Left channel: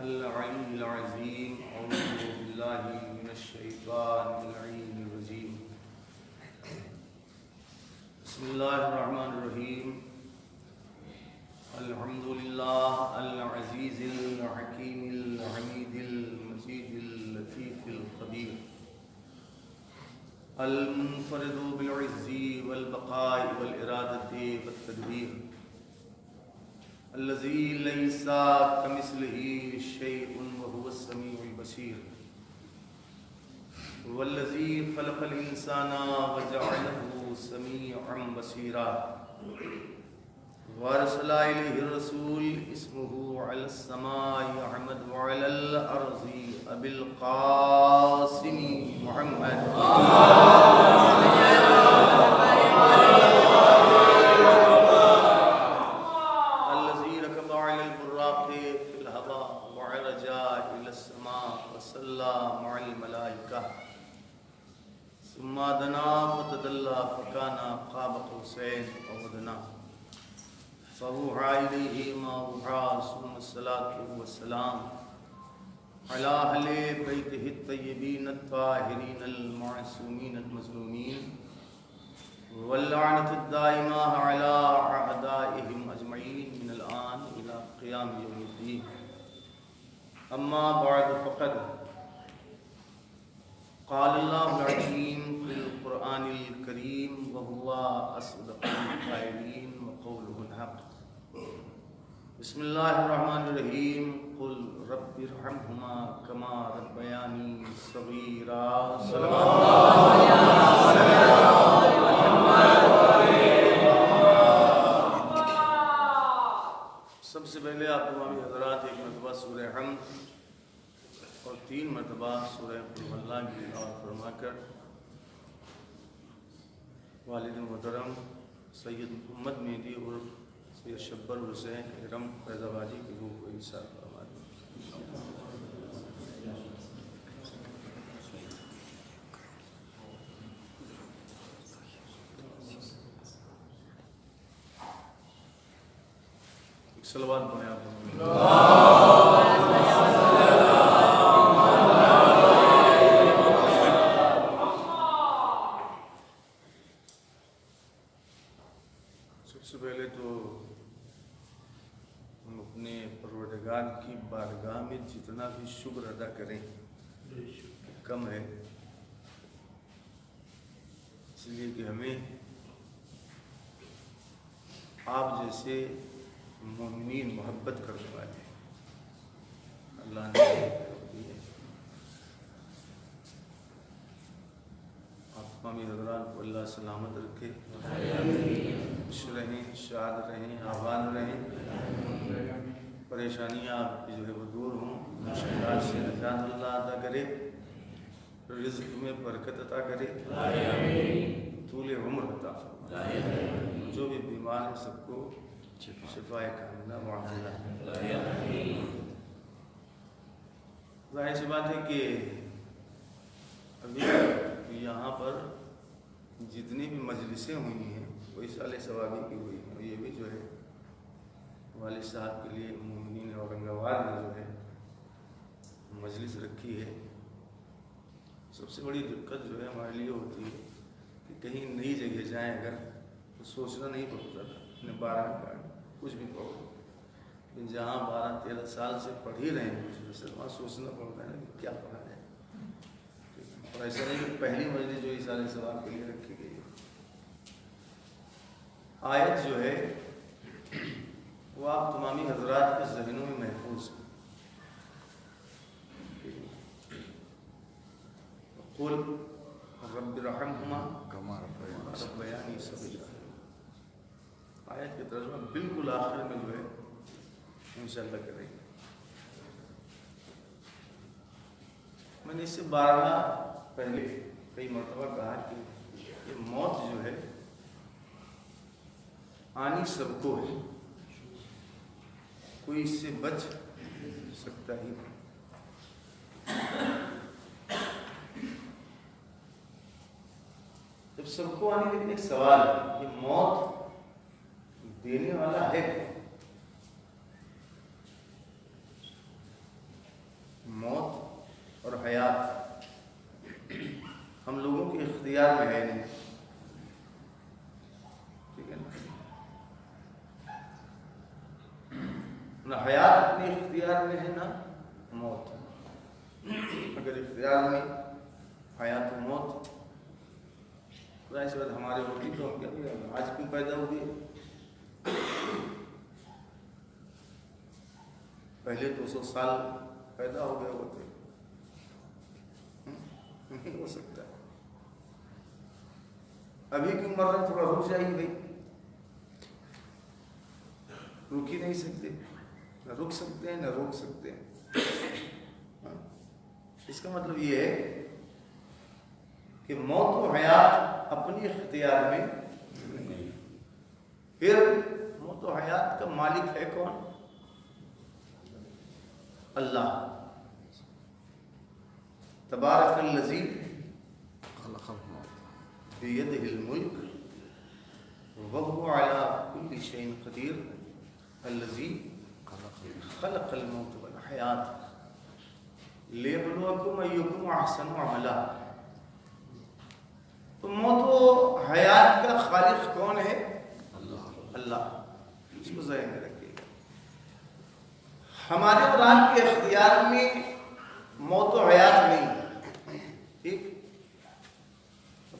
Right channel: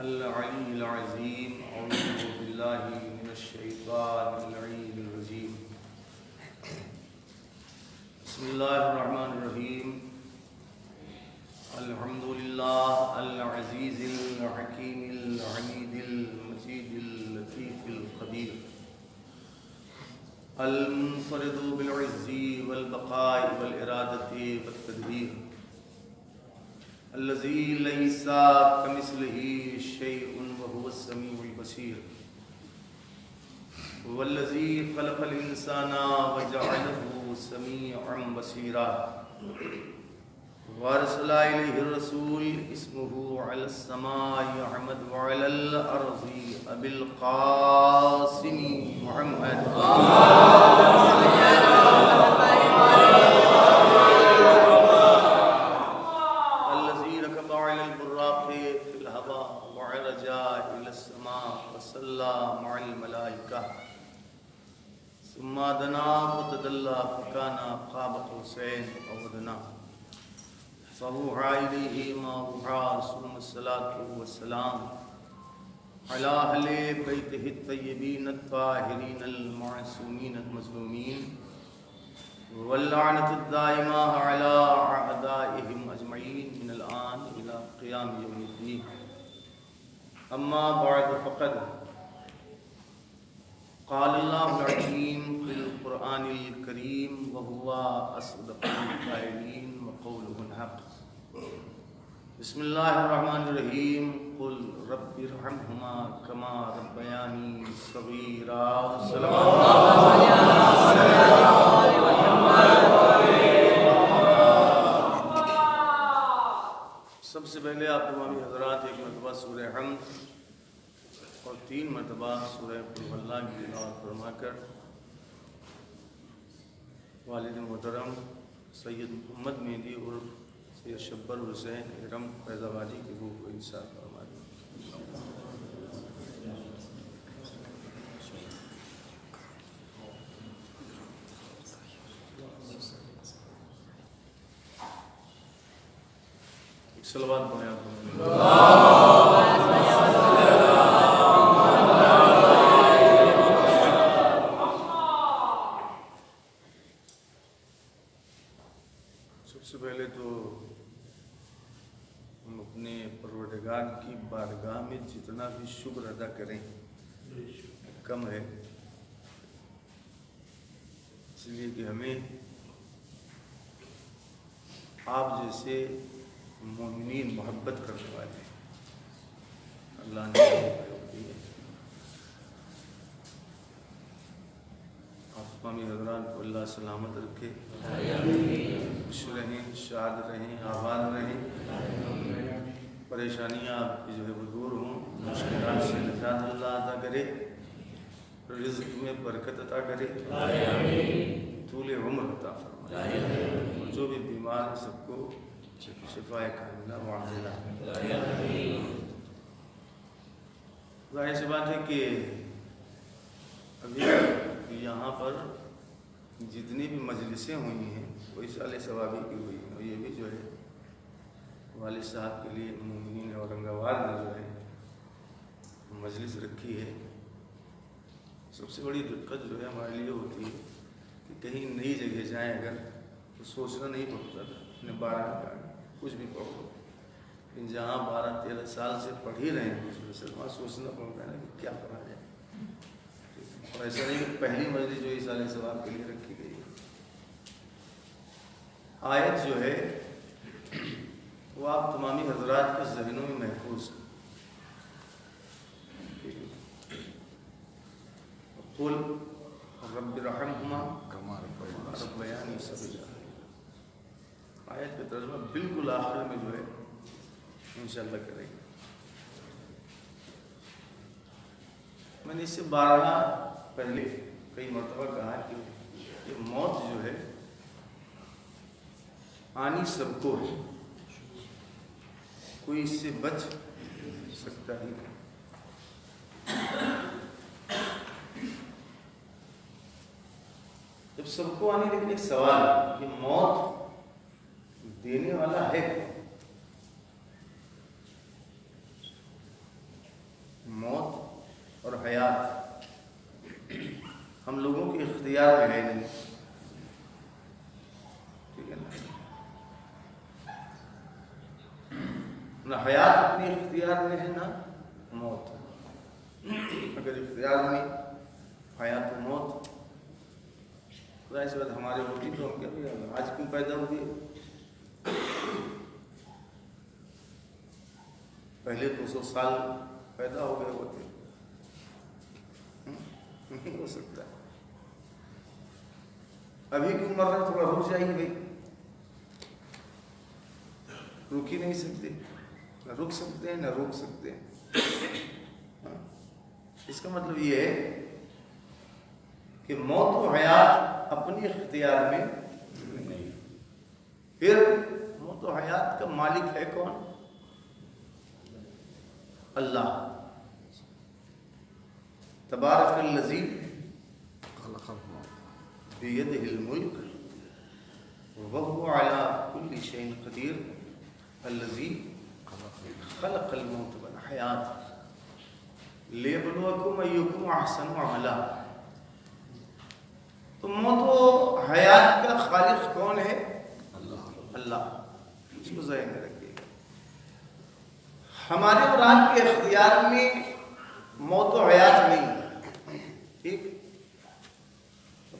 العلی العظیم اعوذ باللہ من الشیطان اللعین الرجیم بسم اللہ الرحمن الرحیم الحمدللہ العزیز الحکیم الحمید المجید اللطیف الخبیر المنفرد بالعز والبقاء والارادۃ والتدبیر الذي ليس كمثله شيء وهو السميع البصير والذي خلق الإنسان وجعله سميعا بصيرا وارسل إليه الرسول اسمه على السماء أحمد وعلى الأرض أبي القاسم محمد في الهواء وعرج إلى السماء وصلى مع الملائكة ثم دنا فتدلى فكان قاب قوسين أو أدنى فأوحى إليه ما أوحى ثم الصلاة والسلام على أهل بيته الطيبين الطاهرين المعصومين المظلومين واللعنة الدائمة على أعدائهم أجمعين من الآن إلى قيام يوم الدين أما بعد فقد قال الله العظيم في القرآن الكريم وهو أصدق القائلين وقوله الحق بسم الله الرحمن الرحيم قل رب ارحمهما كما ربياني صغيرا سب سے پہلے آپ تمامی حضرات ایک مرتبہ سورہ حمد اور 3 مرتبہ سورہ قل هو اللہ کی تلاوت فرما کر والد محترم سید محمد مہدی عرف سید شبر حسین ارم فیض آبادی کی روح کو عیسیٰ فرما دیں۔ صلوات پڑھیں آپ سب سے پہلے تو ہم اپنے پروردگار کی بارگاہ میں جتنا بھی شکر ادا کریں کم ہے، اس لیے کہ ہمیں آپ جیسے مومنین محبت کرنے والے اللہ نے دی ہے۔ آپ تمامی حضرات کو اللہ سلامت رکھے، خوش رہیں، شاد رہیں، آباد رہیں، پریشانیاں آپ کی جو ہے وہ دور ہوں، مشکلات سے نجات اللہ عطا کرے، رزق میں برکت عطا کرے، طول عمر عطا فرمائے، اور جو بھی بیمار ہیں سب کو شفاء کاملہ معجلہ۔ ظاہر سی بات ہے کہ ابھی یہاں پر جتنی بھی مجلسیں ہوئی ہیں وہ اصالِ ثوابی کی ہوئی ہیں، اور یہ بھی جو ہے والد صاحب کے لیے مومنین اورنگ آباد نے جو ہے مجلس رکھی ہے۔ سب سے بڑی دقت جو ہے ہمارے لیے ہوتی ہے کہ کہیں نئی جگہ جائیں اگر تو سوچنا نہیں پڑتا تھا اپنے 12 کا کچھ بھی پڑھو، لیکن جہاں 12-13 سال سے پڑھ ہی رہے ہیں اس میں وہاں سوچنا پڑتا ہے نا کہ کیا پڑھا جائے، اور ایسا نہیں کہ پہلی مجلس جو اصالِ ثواب کے لیے رکھی گئی ہے۔ آیت جو ہے وہ آپ تمامی حضرات کے ذہنوں میں محفوظ ہے۔ قل رب ارحمہما کما ربیانی صغیرا، آیت کا ترجمہ بالکل آخر میں جو ہے انشاءاللہ کریں گے۔ میں نے اس سے 12 پہلے کئی مرتبہ کہا کہ یہ موت جو ہے آنی سب کو ہے، کوئی اس سے بچ سکتا ہی نہیں۔ جب سب کو آنی، لیکن ایک سوال ہے، یہ موت دینے والا ہے کون؟ ہم لوگوں کے اختیار میں ہے نہیں، ٹھیک ہے نا؟ نہ حیات اپنے اختیار میں ہے نہ موت۔ اگر اختیار میں حیات و موت ظاہر سی بات ہمارے ہوتی تو ہم کیا آج کیوں پیدا ہوئے؟ پہلے 200 سال پیدا ہو گئے ہوتے، نہیں ہو سکتا۔ ابھی کیوں مر رہا، تھوڑا رک جائیے بھائی، رک ہی نہیں سکتے، نہ رک سکتے ہیں نہ روک سکتے ہیں۔ اس کا مطلب یہ ہے کہ موت و حیات اپنی اختیار میں نہیں۔ پھر موت و حیات کا مالک ہے کون؟ اللہ۔ تبارک الذی بیدہ الملک وہو علی کل شیء قدیر الذی خلق الموت والحیات لیبلوکم ایکم احسن عملا۔ تو موت و حیات کا خالق کون ہے؟ اللہ۔ اس کو ذہن میں رکھیے گا۔ ہمارے اور آپ کے اختیار میں موت و حیات نہیں، ٹھیک؟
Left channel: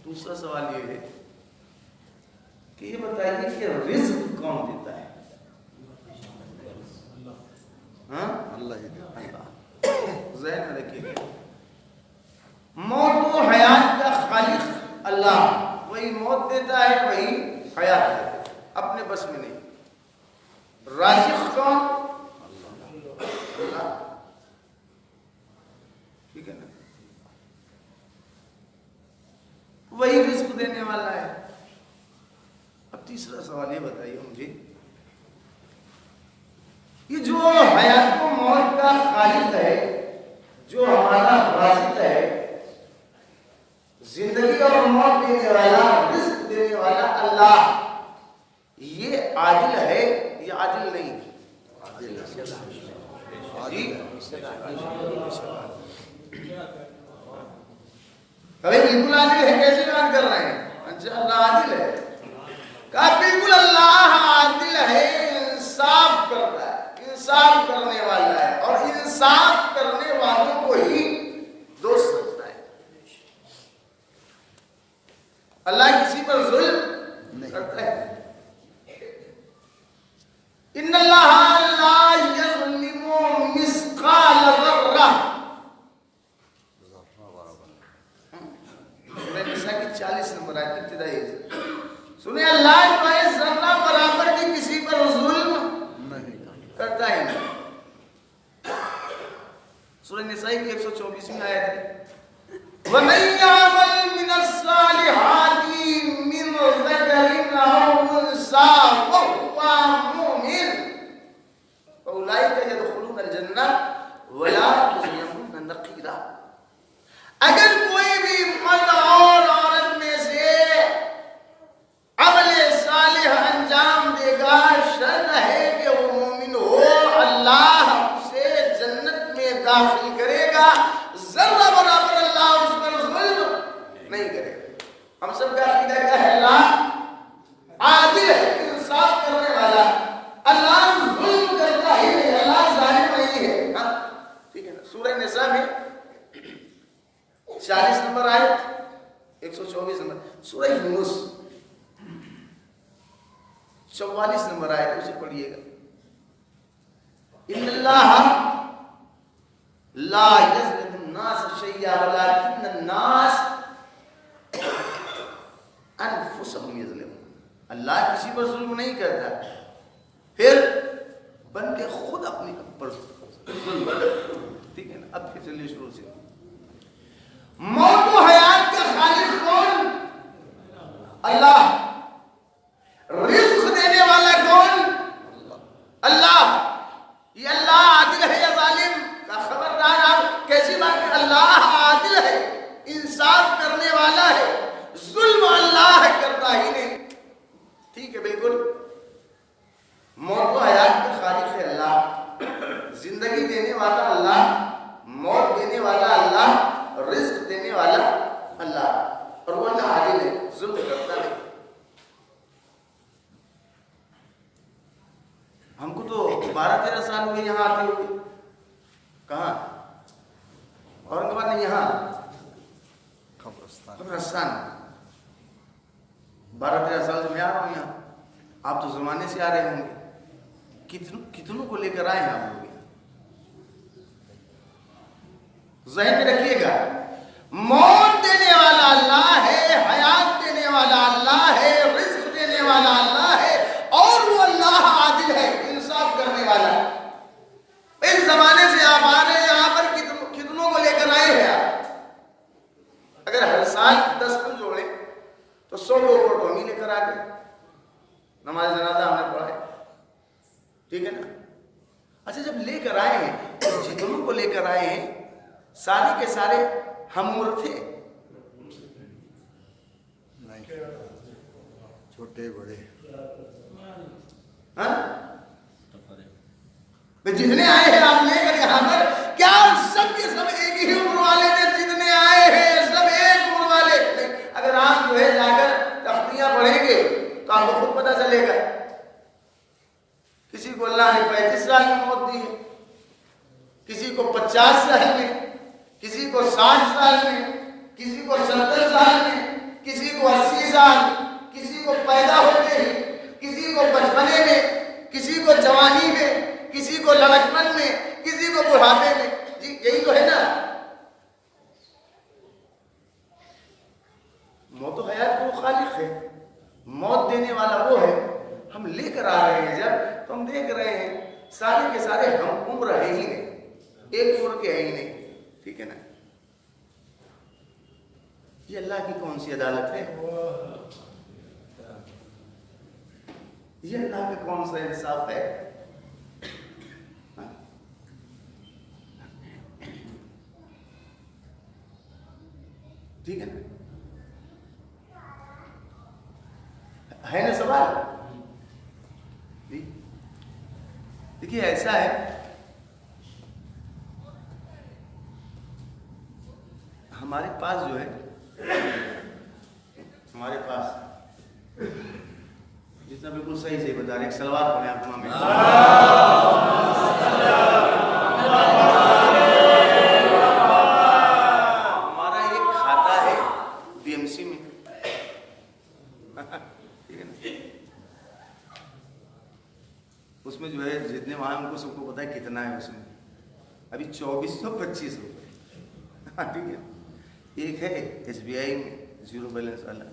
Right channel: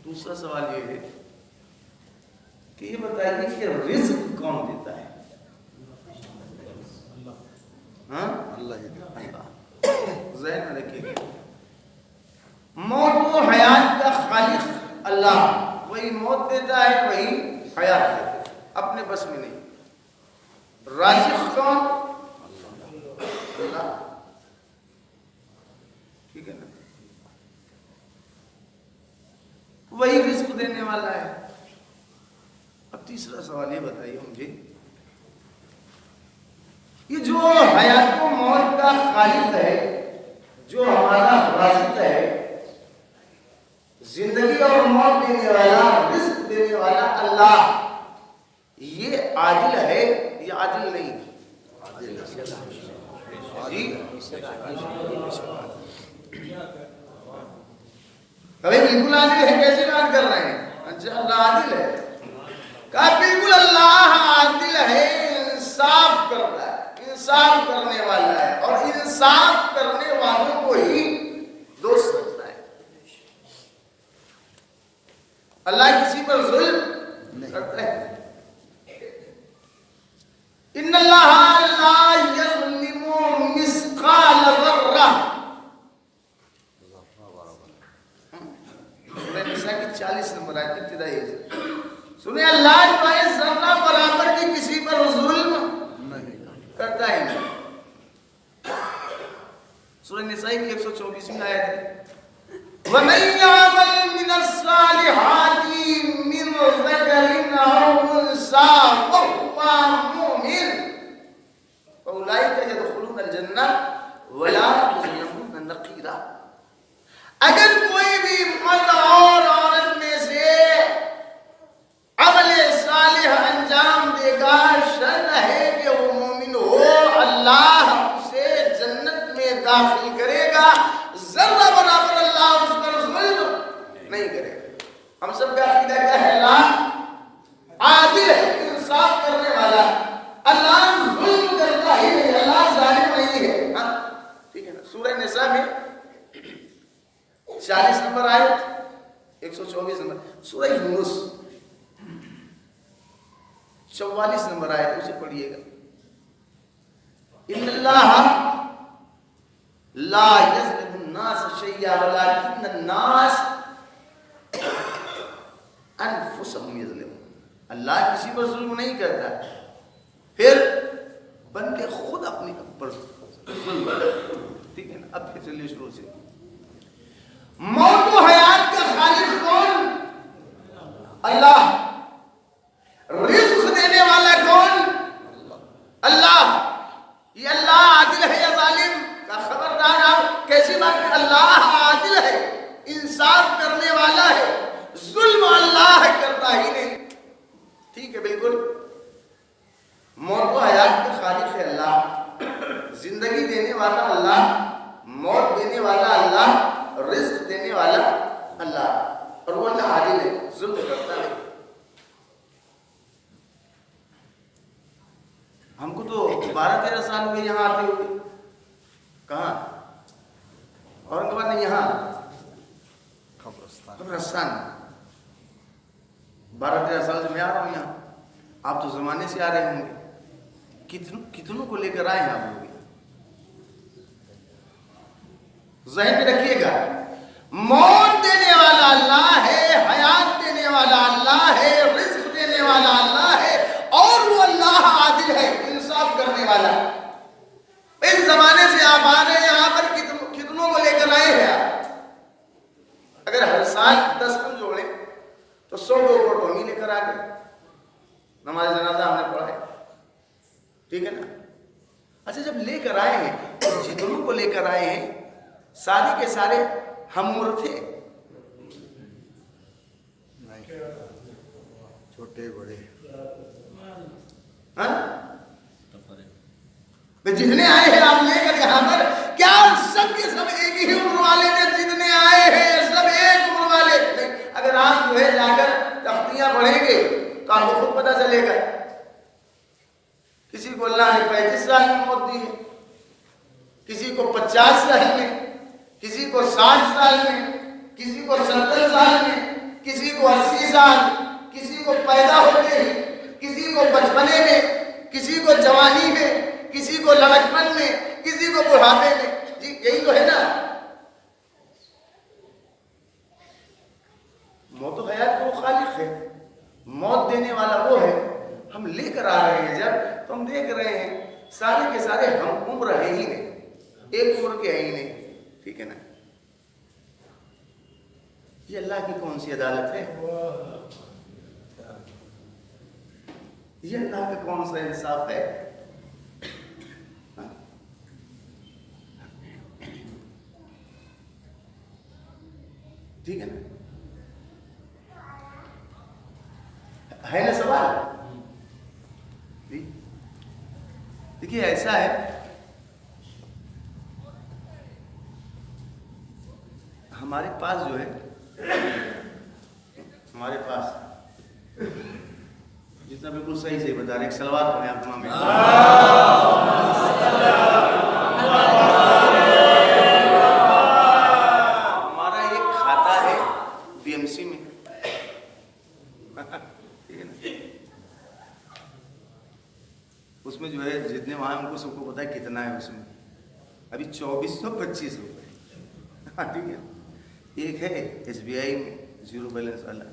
دوسرا سوال یہ ہے کہ یہ بتائیے کہ رزق کون دیتا ہے؟ ہاں؟ اللہ۔ ذہن میں رکھیے گا، موت و حیات کا خالق اللہ، وہی موت دیتا ہے وہی حیات دیتا ہے، اپنے بس میں نہیں۔ رازق کون؟ اللہ، ٹھیک ہے نا؟ وہی رزق دینے والا ہے۔ اب تیسرا سوال یہ بتائیے مجھے، یہ جو حیات و موت کا خالق ہے، جو ہمارا رازق ہے، زندگی اور موت دینے والا، رزق دینے والا اللہ، یہ عادل ہے یا عادل نہیں؟ جی ابھی بالکل عادل ہے، کیسے بات کر رہے ہیں؟ اچھا اللہ عادل ہے، کہا بالکل اللہ عادل ہے، انصاف کرتا ہے، انصاف کرنے والا ہے، اور انصاف کرنے والوں کو ہی دوست رکھتا ہے۔ اللہ کسی پر ظلم کرتا ہے؟ ان اللہ لا یظلم مثقال ذرہ، سورہ نساء کی 40 نمبر آیت ابتدائی سنیں، اللہ جو ہے ذرہ برابر بھی کسی پر ظلم کرتا ہی نہیں۔ سورہ نساء کی 124 آیت ہے، وَمَن يَعْمَلْ مِنَ الصَّالِحَاتِ مِنْ ذَكَرٍ أَوْ أُنثَىٰ وَهُوَ مُؤْمِنٌ فَأُولَٰئِكَ يَدْخُلُونَ الْجَنَّةَ وَلَا يُظْلَمُونَ نَقِيرًا۔ اگر کوئی بھی مرد اور عورت میں سے عمل صالح انجام دے گا، شرط ہے کہ وہ مومن ہو، اللہ اسے جنت میں داخل کرے گا، ذرہ برابر اللہ اس پر ظلم نہیں کرے گا۔ ہم سب کا عقیدہ کیا ہے؟ اللہ عادل ہے، انصاف کرنے والا، اللہ ظلم کرتا ہی نہیں، اللہ ظالم نہیں ہے۔ ہاں ٹھیک ہے نا؟ سورہ نساء میں 40 نمبر آیت، 124 نمبر، سورہ یونس 44 نمبر آیت، اسے پڑھیے گا۔ ان اللہ لا یظلم الناس شیئا ولکن الناس انفسهم یظلمون۔ اللہ کسی پر ظلم نہیں کرتا، پھر بندے خود اپنے پر ظلم کرتے۔ ٹھیک ہے نا؟ اب پھر چلیے شروع سے۔ موت و حیات کا خالق کون؟ اللہ۔ رزق دینے والا کون؟ اللہ۔ یہ اللہ عادل ہے یا ظالم؟ کا خبردار، آپ کیسی بات ہے؟ اللہ عادل ہے، انصاف کرنے والا ہے، ظلم اللہ کرتا ہی نہیں۔ ٹھیک ہے، بالکل۔ موت و حیات کا خالق ہے اللہ، زندگی دینے والا اللہ، موت دینے والا اللہ، رزق دینے والا اللہ، اور وہ اللہ عادل ہے، ظلم کرتا نہیں۔ ہم کو تو 12-13 سال ہوئے یہاں آتے ہوئے۔ کہاں؟ اورنگ آباد نہیں، یہاں قبرستان۔ 12-13 سال سے میں آ رہا ہوں یہاں، آپ تو زمانے سے آ رہے ہوں گے۔ کتنوں کو لے کر آئے ہیں آپ لوگ یہاں؟ ذہن میں رکھیے گا، موت دینے والا اللہ ہے، حیات دینے والا اللہ ہے، رزق دینے والا اللہ ہے، اور وہ اللہ عادل ہے، انصاف کرنے والا۔ اس زمانے سے آپ آ رہے ہیں یہاں پر، کتنوں کو لے کر آئے ہیں آپ؟ اگر ہر سال 10 کو جوڑیں تو 100 لوگوں کو ہم ہی لے کر آ گئے۔ نماز جنازہ ہم نے پڑھا ہے، ٹھیک ہے نا؟ اچھا، جب لے کر آئے ہیں تو جتنوں کو لے کر آئے ہیں سارے کے سارے ہم عمر تھے؟ چھوٹے بڑے، جتنے آئے ہیں آپ لے کر یہاں پر، کیا سب کے سب ایک ہی عمر والے تھے؟ جتنے آئے ہیں سب ایک عمر والے نہیں۔ اگر آپ جو ہے جا کر تختیاں پڑھیں گے تو آپ کو خود پتہ چلے گا، کسی کو اللہ نے 35 سال کی موت دی ہے، کسی کو 50 سال میں، کسی کو 60 سال میں، کسی کو 70 سال میں، کسی کو 80 سال، کسی کو پیدا ہوتے ہی، کسی کو بچپنے میں، کسی کو جوانی میں، کسی کو لڑکپن میں، کسی کو بڑھاپے میں۔ جی یہی تو ہے نا، موت و حیات کو خالق ہے، موت دینے والا وہ ہے۔ ہم لے کر آ رہے ہیں جب، تو ہم دیکھ رہے ہیں سارے کے سارے ہم عمر ہے ہی نہیں، ایک عمر کے ہے ہی نہیں، ٹھیک ہے نا؟ یہ اللہ کی کون سی عدالت ہے؟ یہ اللہ کا کون سا انصاف ہے؟ ٹھیک ہے نا؟ ہے نا سوال؟ دیکھیے ایسا ہے، ہمارے پاس جو ہے، ہمارے پاس جتنا بالکل صحیح سے بتا رہے، ایک سلوات پڑھیں آپ میں، ہمارا ایک کھاتا ہے BMC میں، ٹھیک ہے نا؟ اس میں جو ہے جتنے وہاں ان کو سب کو پتا ہے کتنا ہے اس میں، ابھی 2425 روپئے، ٹھیک ہے۔ ایک ہے SBI میں 0 بیلنس والا،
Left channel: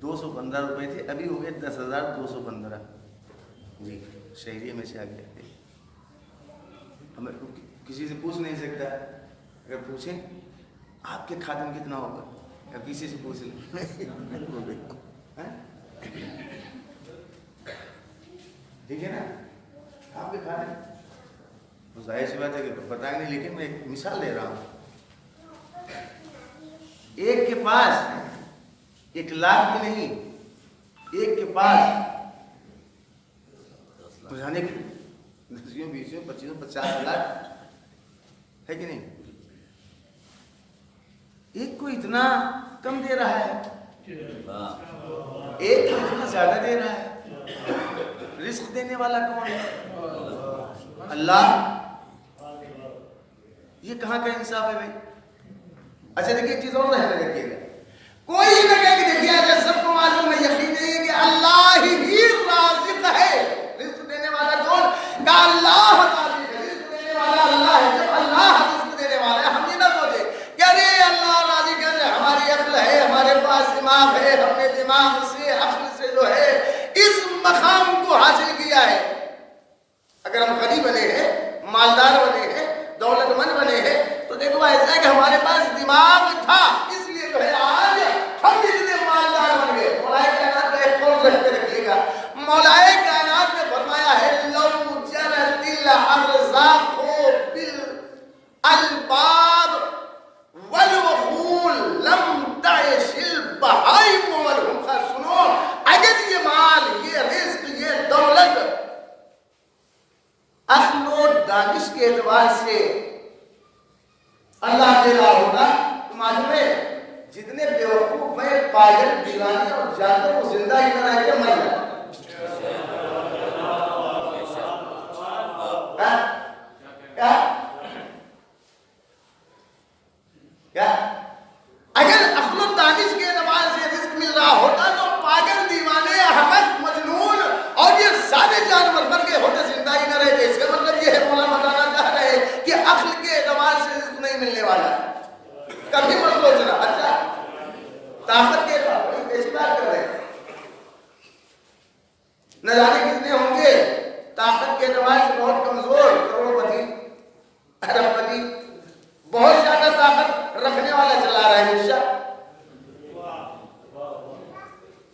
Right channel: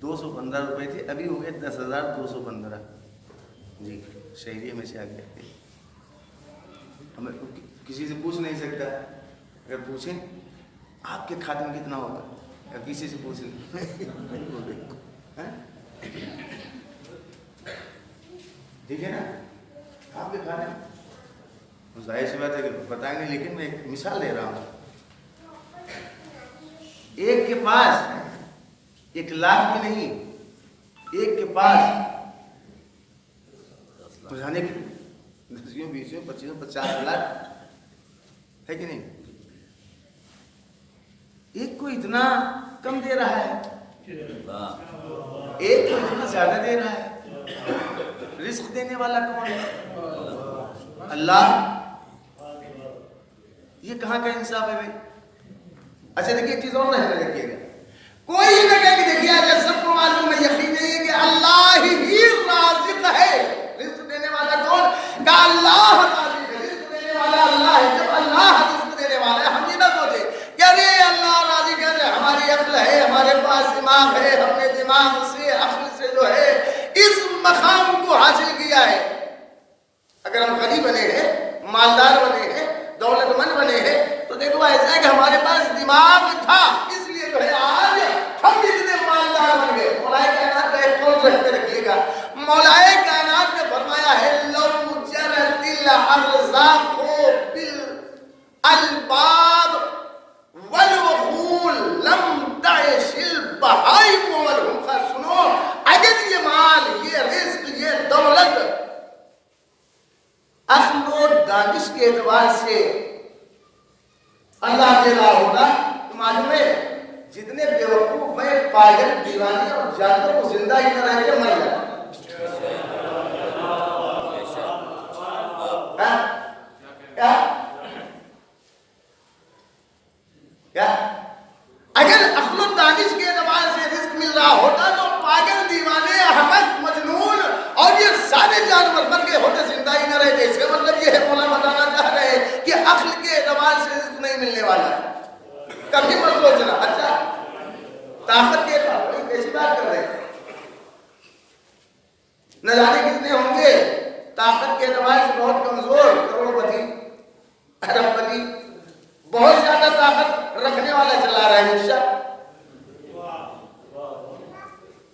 215 روپئے تھے، ابھی ہو گئے 10,215۔ جی شہریے میں سے آ گیا۔ ہمیں کسی سے پوچھ نہیں سکتا، اگر پوچھیں آپ کے کھاتے میں کتنا ہوگا، یا کسی سے پوچھ لیں، ٹھیک ہے نا؟ آپ کے کھانے میں ظاہر سی بات ہے کہ بتائیں گے، لیکن میں ایک مثال دے رہا ہوں۔ ایک کے پاس 1 لاکھ بھی نہیں، ایک کے پاس بجھانے کے لیے 10 20 25 50 لاکھ ہے کہ نہیں؟ ایک کو اتنا کم دے رہا ہے، ایک کو اتنا زیادہ دے رہا ہے۔ رزق دینے والا کون ہے؟ اللہ۔ یہ کہاں کا انصاف ہے بھائی؟ اچھا دیکھیے ایک چیز اور ذہن میں رکھیے گا، کوئی نہ کہے کہ دیکھیے آج سب کو معلوم ہے، یقین نہیں ہے کہ اللہ ہی رازق ہے۔ رزق دینے والا کون؟ کہ اللہ رازق ہے، رزق دینے والا اللہ ہے۔ جب اللہ رزق دینے والا ہے، ہم یہ نہ سوچے کہ ارے اللہ رازق ہے، ہماری عقل ہے، ہمارے پاس دماغ ہے، ہم نے دماغ سے عقل سے جو ہے اس مقام کو حاصل کیا ہے۔ اگر ہم غنی بنے ہیں، مالدار بنے ہیں، دولت مند بنے ہیں، تو دیکھو ایسا ہے کہ ہمارے پاس دماغ تھا، اس لیے جو ہے آج ہم اتنے مالدار بن گئے۔ مولا کائنات کا ایک قول ذہن میں رکھیے گا، مولا کائنات نے فرمایا ہے لو جرت الارزاق بالالباب والوخول لم تعش البہائم والہم۔ سنو، اگر یہ مال، یہ رزق، یہ دولت عقل و دانش کے اعتبار سے اللہ دے رہا ہوتا تو معلوم ہے جتنے بیوقوف ہیں پاگل دیوانے اور جانور وہ زندہ ہی نہ رہ کے مر جائے. کیا اگر عقل و دانش کے اعتبار سے رزق مل رہا ہوتا تو پاگل دیوانے احمق مجنون اور یہ سارے جانور مر گئے ہوتے زندہ ہی نہ رہتے. اس کا مطلب یہ ہے مولانا بتانا چاہ رہے ہیں کہ عقل کے اعتبار سے رزق نہیں ملنے والا ہے. کبھی مت سوچنا. اچھا طاقت کے اعتبار وہی کیسی بات کر رہے ہیں. نہ جانے کتنے ہوں گے طاقت کے اعتبار سے بہت کمزور, کروڑ پتی ارب پتی بہت زیادہ طاقت رکھنے والا چلا رہا ہے رکشا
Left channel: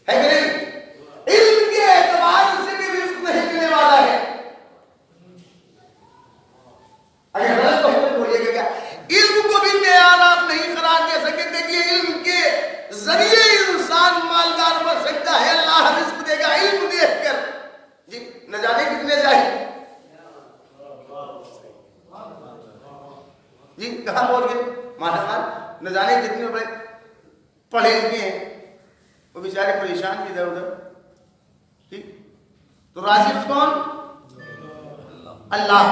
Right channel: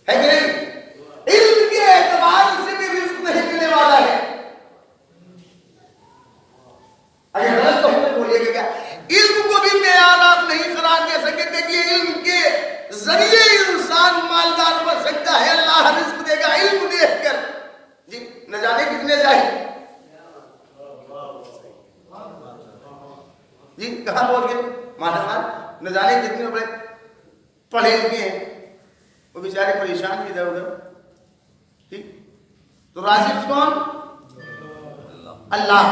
ہے کہ نہیں. علم کے اعتبار سے بھی رزق نہیں ملنے والا ہے. اگر غلط تو ہم بولیے گا کیا علم کو بھی معیار آپ نہیں قرار دے سکے. دیکھیے علم کے ذریعے انسان مالدار بن سکتا ہے, اللہ رزق دے گا علم دیکھ کر. جی نہ جانے کتنے جاہل جی کہاں پہنچ گئے مال نہ جانے کتنے بڑے پڑھے لکھے ہیں وہ بیچارے پریشان بھی ادھر ادھر. ٹھیک تو رازق کون؟ اللہ.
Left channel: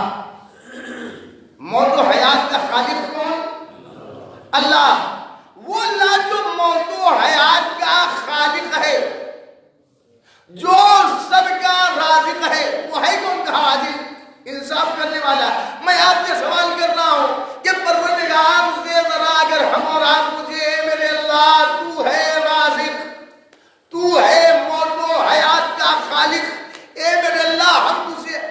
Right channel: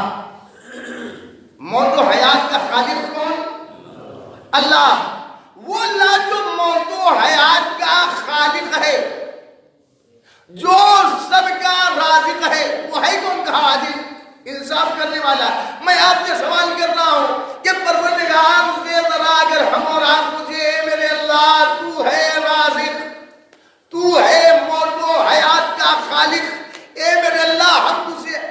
موت و حیات کا خالق کون؟ اللہ. وہ اللہ جو موت و حیات کا خالق ہے, جو سب کا رازق ہے, وہ ہے کون؟ کہا عادل انصاف کرنے والا. میں آپ سے سوال کر رہا ہوں کہ پروردگار سے ذرا اگر ہم اور آپ مجھے میرے اللہ تو ہے رازق, تو ہے موت و حیات کا خالق, اے میرے اللہ ہم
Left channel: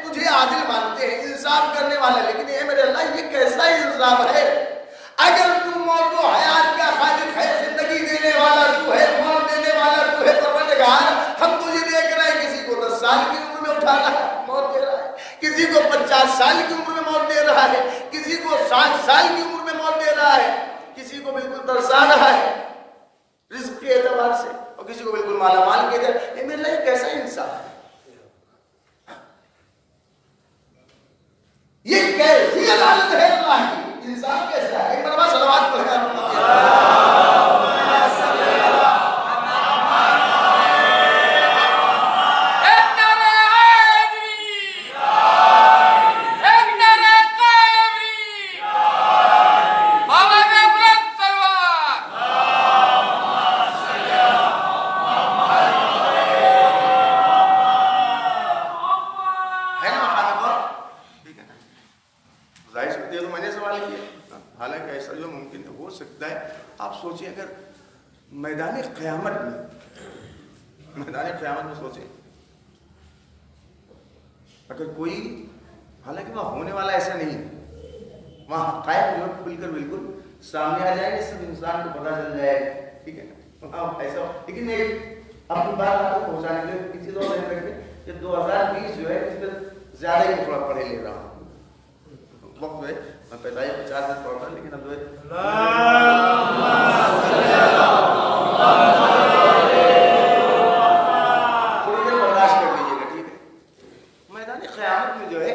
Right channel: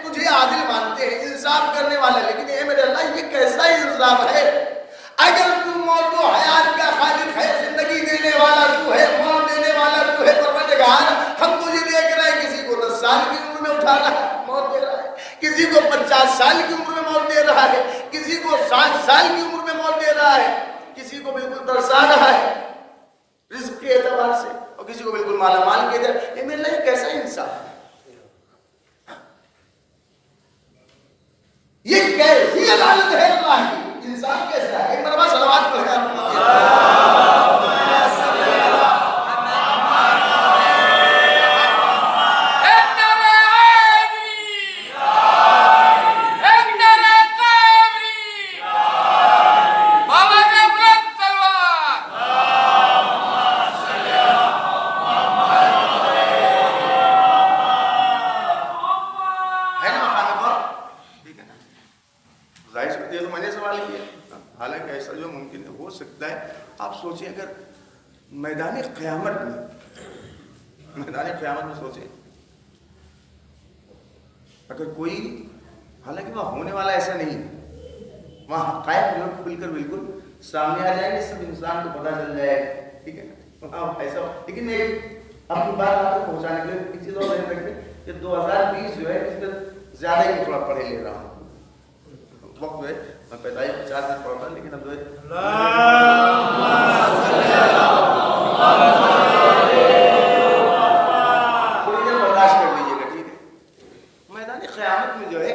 تجھے عادل مانتے ہیں, انصاف کرنے والا, لیکن اے میرے اللہ یہ کیسا انصاف ہے؟ اگر تو موت و حیات کا خالق ہے, زندگی دینے والا تو ہے, موت دینے والا تو ہے پروردگار, ہم تجھے دیکھ رہے ہیں کسی کو 10 سال کی عمر میں اٹھا رہا ہے موت دے رہا ہے, کسی کو 50 سال کی عمر میں موت دے رہا ہے, کسی کو 60 سال کی عمر میں موت دے رہا ہے, کسی کو بالکل ترسا رہا ہے رزق کے اعتبار سے, اور کسی کو بالکل مالا مال کے اعتبار. اے میرے اللہ یہ کیسا انصاف ہے؟ یہ کیسی عدالت ہے اللہ کی؟ انصاف کیسا ہے؟ ایک مرتبہ صلوات پڑھیں حالانکہ ایسا جو ممکن ہو سکتا ہے. آپ سوچیں اگر میدان قیامت میں سوچیں اگر کوئی, حالانکہ وہاں ہونے والا ایسا نہیں ہے, وہاں حقائق جو ہے کھل کر بالکل سامنے آ جائیں گے, سب انسان کو پتہ چل جائے گا. ٹھیک ہے ایسا. لیکن میں اپنی بات آپ کو پہنچانے کے لیے ایک چیز اور ذہن رکھیں کہ 2020 جو ہے اس میں زیادہ ہی میں تھوڑا پڑھے لے رہا ہوں. وقت جو ہے میں 45-50 منٹ پڑھتا لیکن اب جو ہے تھوڑی دیر برداشت کر لیجیے گا. ٹھیک ہے میدان قیامت میں جو ہے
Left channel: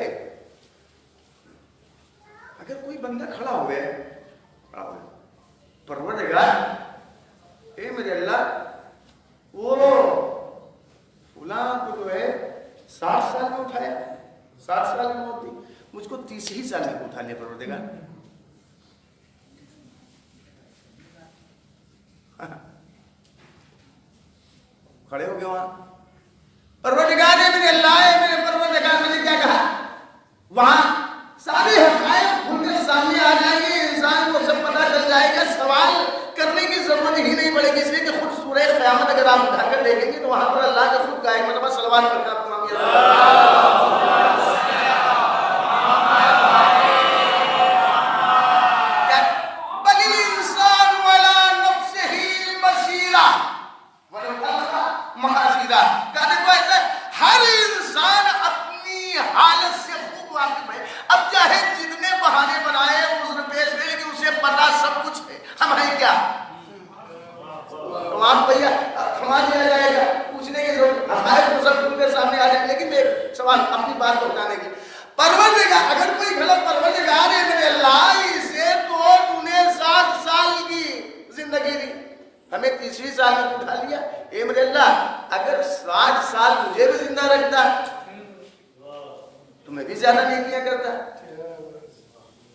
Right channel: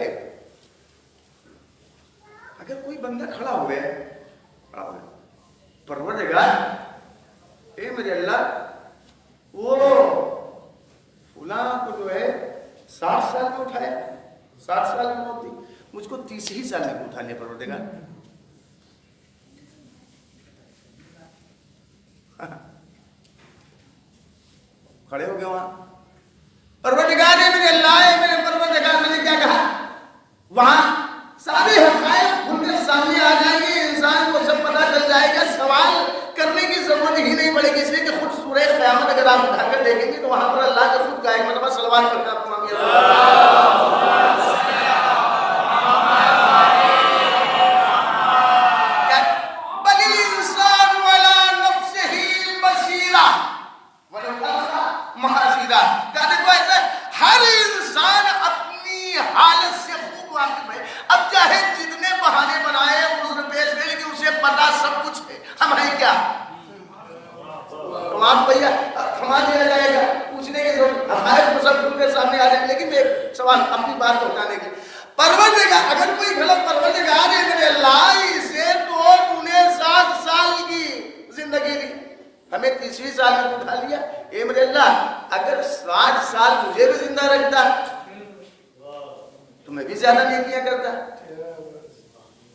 اگر کوئی بندہ کھڑا ہوا ہے پروردگار اے میرے اللہ وہ فلاں کو جو ہے 60 سال میں اٹھایا, 60 سال میں موت دی, مجھ کو 30 ہی سال میں اٹھا لیا پروردگار. کھڑے ہو گئے وہاں پروردگار ہے میرے اللہ ہے میرے پروردگار. میں نے کیا کہا؟ وہاں سارے حقائق کھل کر سامنے آ جائیں گے, انسان کو سب پتہ چل جائے گا, سوال کرنے کی ضرورت ہی نہیں پڑے گی. اس لیے کہ خود سورہ قیامت اگر آپ اٹھا کر دیکھیں گے تو وہاں پر اللہ کا خود کا ایک مرتبہ صلوات پڑھتا آپ تمام بل الانسان ولا نفسه بصیرہ محاصرہ. کہنے کو ایسا ہر انسان اپنی حالت سے خوب واقف ہے. اب چاہے جتنے بہانے بنائے عذر پیش کرے لیکن اسے پتا سب کچھ ہے ہم ہیں کیا. تو آپ بھیا تھما دیا جائے گا, پوچھنے کی ضرورت حقائق کو سب کھل کر سامنے آ جائیں. لیکن میں ایک سوال اپنی بات پہنچانے کے لیے, پروردگار اگر کوئی غلط پروردگار ہے میرے اللہ اسے تو 60 سال کی زندگی دی, ہمیں 30ویں سال میں اٹھا لیا. اے میرے اللہ اگر 60 سال مجھے بھی زندہ رکھتا تو میں بھی زیادہ نیکیاں کرتا,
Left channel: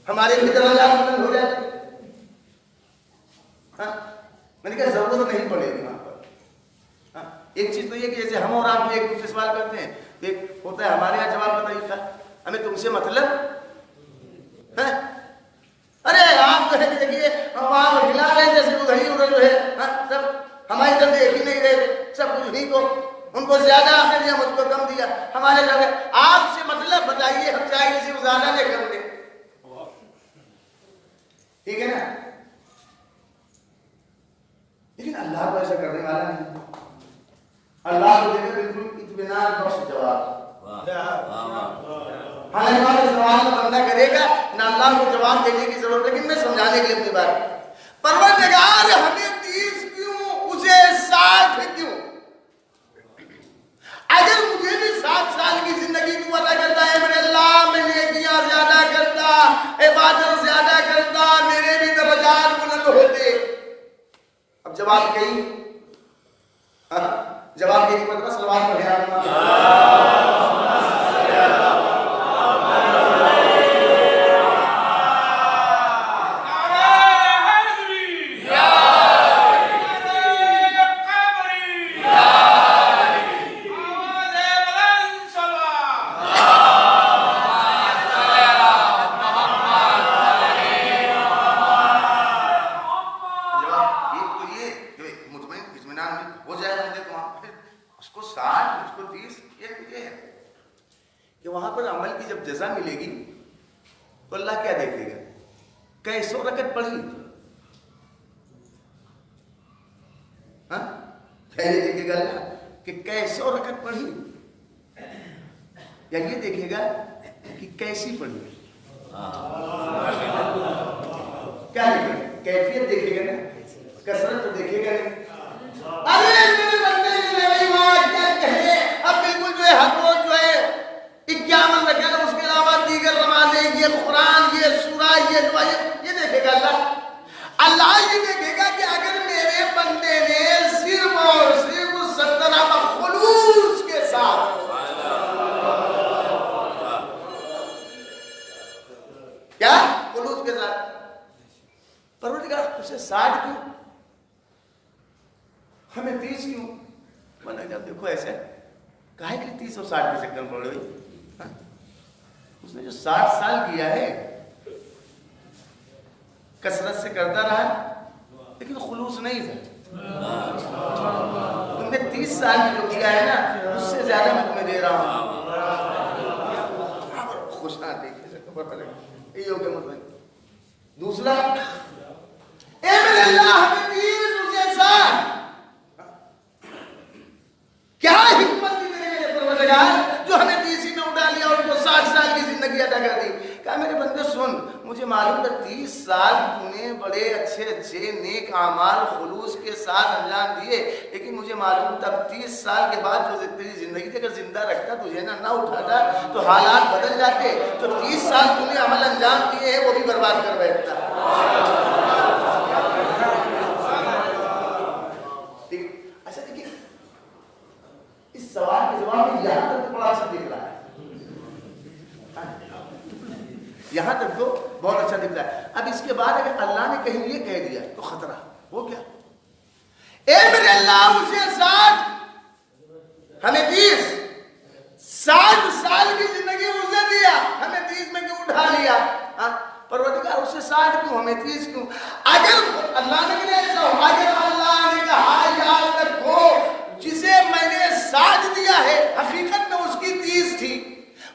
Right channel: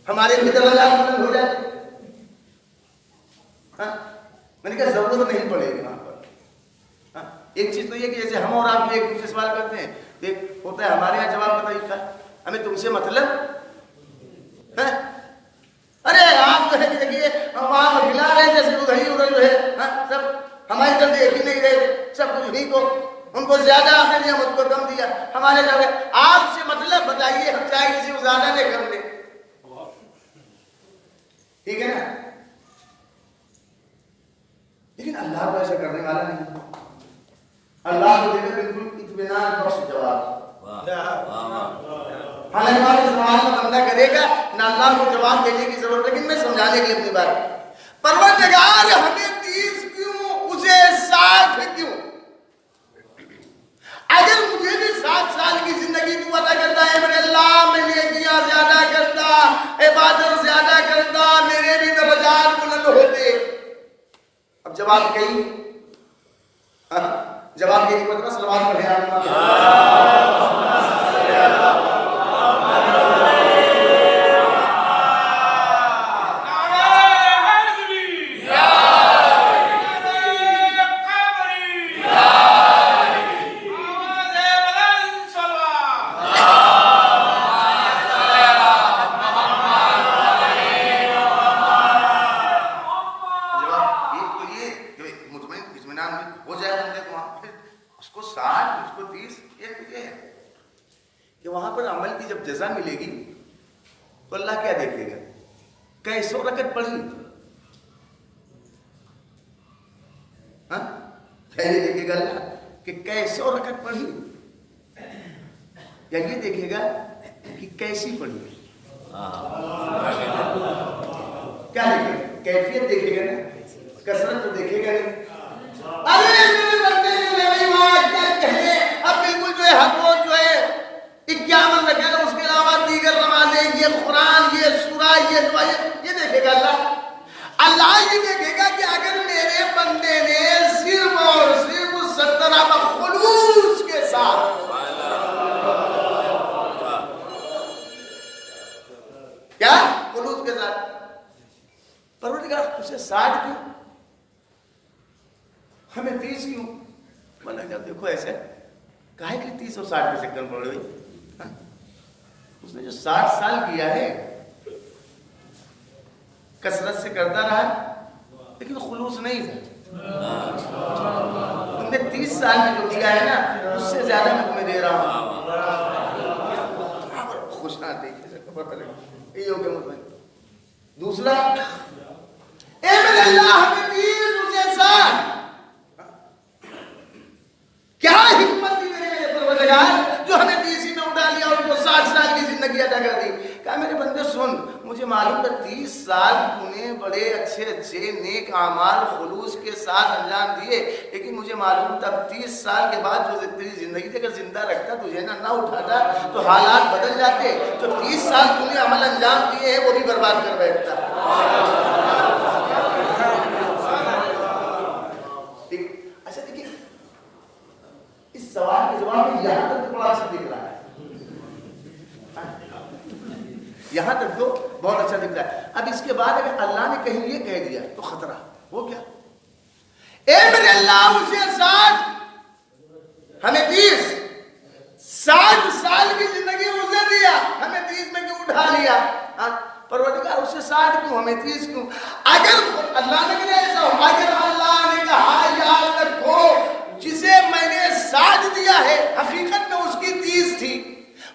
ہمارے بھی درجات بلند ہو جاتے. میں نے کہا ضرورت نہیں پڑے گی وہاں پر. ایک چیز تو یہ کہ جیسے ہم اور آپ ایک دوسرے سوال کرتے ہیں, ایک ہوتا ہے ہمارے یہاں جواب کا طریقہ, ہمیں تم سے مطلب ہے. ارے آپ تو ہے کہ دیکھیے وہاں کھلا رہے جیسے ادھر ہی ادھر جو ہے سب ہماری طرف دیکھ ہی نہیں رہے تھے, سب کچھ نہیں کو ان کو زیادہ آپ نے دیا مجھ کو کم دیا. ہمارے جب آپ سے مطلب بتائیے ہم چاہیے سے زیادہ لے کم لے, ٹھیک ہے نا. لیکن اللہ کو ایسا کرنے والا نہیں. اللہ کو دیکھو بالکل اطمینان بخش جواب. حالانکہ سوال کا بندہ کرے گا نہ اللہ کو جواب دینے کی ضرورت, لیکن میں سمجھانے کے لیے اپنی بات. پروردگار ہمیں 30 کیوں, اسے 60 کیوں؟ اگر مجھے بھی 60 سال کی زندگی تو عطا کرتا ہے میرے اللہ, میں نیکیاں زیادہ کرتا, عبادت زیادہ کرتا, میرے بھی درجات بلند ہوتے. اب جواب کہیں جواب کے مطلب سلوات پڑھے ہو جائے بندے کو وہاں پہ, اس کو 60 اس کو 30. ایک یہ ہے کہ وہاں پر عمل کی جب جزا ملے گی تو اللہ کیا دیکھے گا, کیسو رکعت پڑھی, کیا یہ دیکھے گا اللہ کہ کیسو رکعت پڑھی, یا یہ دیکھے گا کہ کیسی پڑھی. کیا دیکھے گا, کیفیت دیکھے گا نا, کثرت تو دیکھے گا نہیں. ارے میرے بندے کیا کہے, اب بالکل جو ہے حق روز جو ہے 51 رکعت, اس کے علاوہ دیگر نمازیں, یہ قرآن, یہ سورہ, یہ دعا, یہ دیکھے گا اللہ. اللہ یہ دیکھے گا کہ اگر میرے بندے نے صرف اور صرف 70 خلوص کے ساتھ, کیا خلوص کے ساتھ, پروردگار اسے 60 کیوں, ہمیں 30 کیوں؟ میں نے کہا دیکھو ایسے کہا کہ 30 اور 60 کے چکر میں پڑے ہوئی. اس نے جو 60 سال کیا ہے کثرت سے کرتا رہا لیکن خلوص نہیں تھا. تم نے 30 سال میں جو کیا ہے نا اس سے زیادہ میں تمہیں دے رہا ہوں. خوش نہ یہی ہو گیا مطمئن. دوسرا, اے میرے اللہ ہمیں 30 اسے 60, کیا حکمت دی میرے پروردگار جو ہمیں 30 میں اٹھا لیا, ان کو 60 سال کی زندگی عطا کر دی. کہا میرے بندے سن, مجھے معلوم تھا 30 سال تو نے بڑے اچھے نیک اعمال خلوص کے ساتھ انجام دیے, لیکن مجھے معلوم تھا 30 سال کے بعد جو تیری زندگی تھی اگر زندہ رکھتا تجھے نہ اٹھاتا تو حالات بدل جاتے. تو 30 سال تو نے عمل انجام دیے ہیں وہ بھی برباد کر بیٹھتا. اچھا دیکھیے اس سوال کے جواب میں یہاں تک تو بڑا اچھا دکھ رہا ہے, یہاں تک تو بہت اچھا دکھ رہا ہے. اب اس کے بعد اگر اللہ نے کہیں یہ کہہ دیا تو خطرہ, وہ کیا, اے میرے اللہ مجھے 60 ہمیں 30 60 سال کی زندگی مجھے دیا, ہمیں 30 میں کیوں اٹھا لیا؟ پروردگار اسے 60 کیوں, ہمیں 30 کیوں؟ اگر اللہ نے کہا ایسا ہو, اگر اللہ نے کہا یاد رکھو جسے میں نے 60 دیا ہے حقیقت میں اس کی 30 تھی,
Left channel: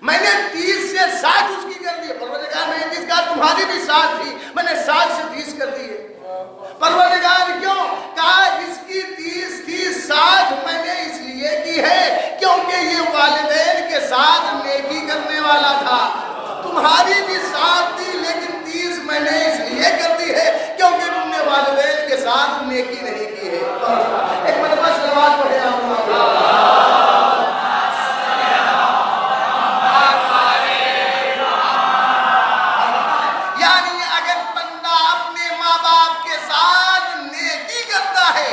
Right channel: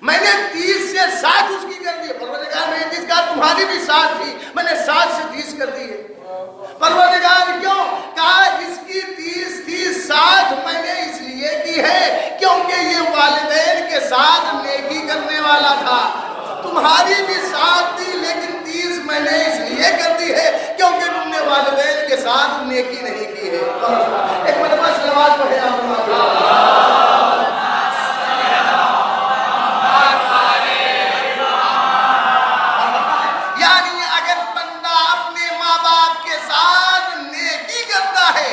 میں نے 30 سے 60 اس کی کر دی. پروردگار میں نے 30 کہا تمہاری بھی 60 تھی, میں نے 60 سے 30 کر دی ہے. پروردگار کیوں؟ کہا اس کی 30 تھی, 60 میں نے اس لیے کی ہے کیونکہ یہ والدین کے ساتھ نیکی کرنے والا تھا. تمہاری بھی 60 تھی لیکن 30 میں نے اس لیے کر دی ہے کیونکہ تم نے والدین کے ساتھ نیکی نہیں کی ہے. ایک مرتبہ سلوات پڑھے یعنی اگر بندہ اپنے ماں باپ کے ساتھ نیکی کرتا ہے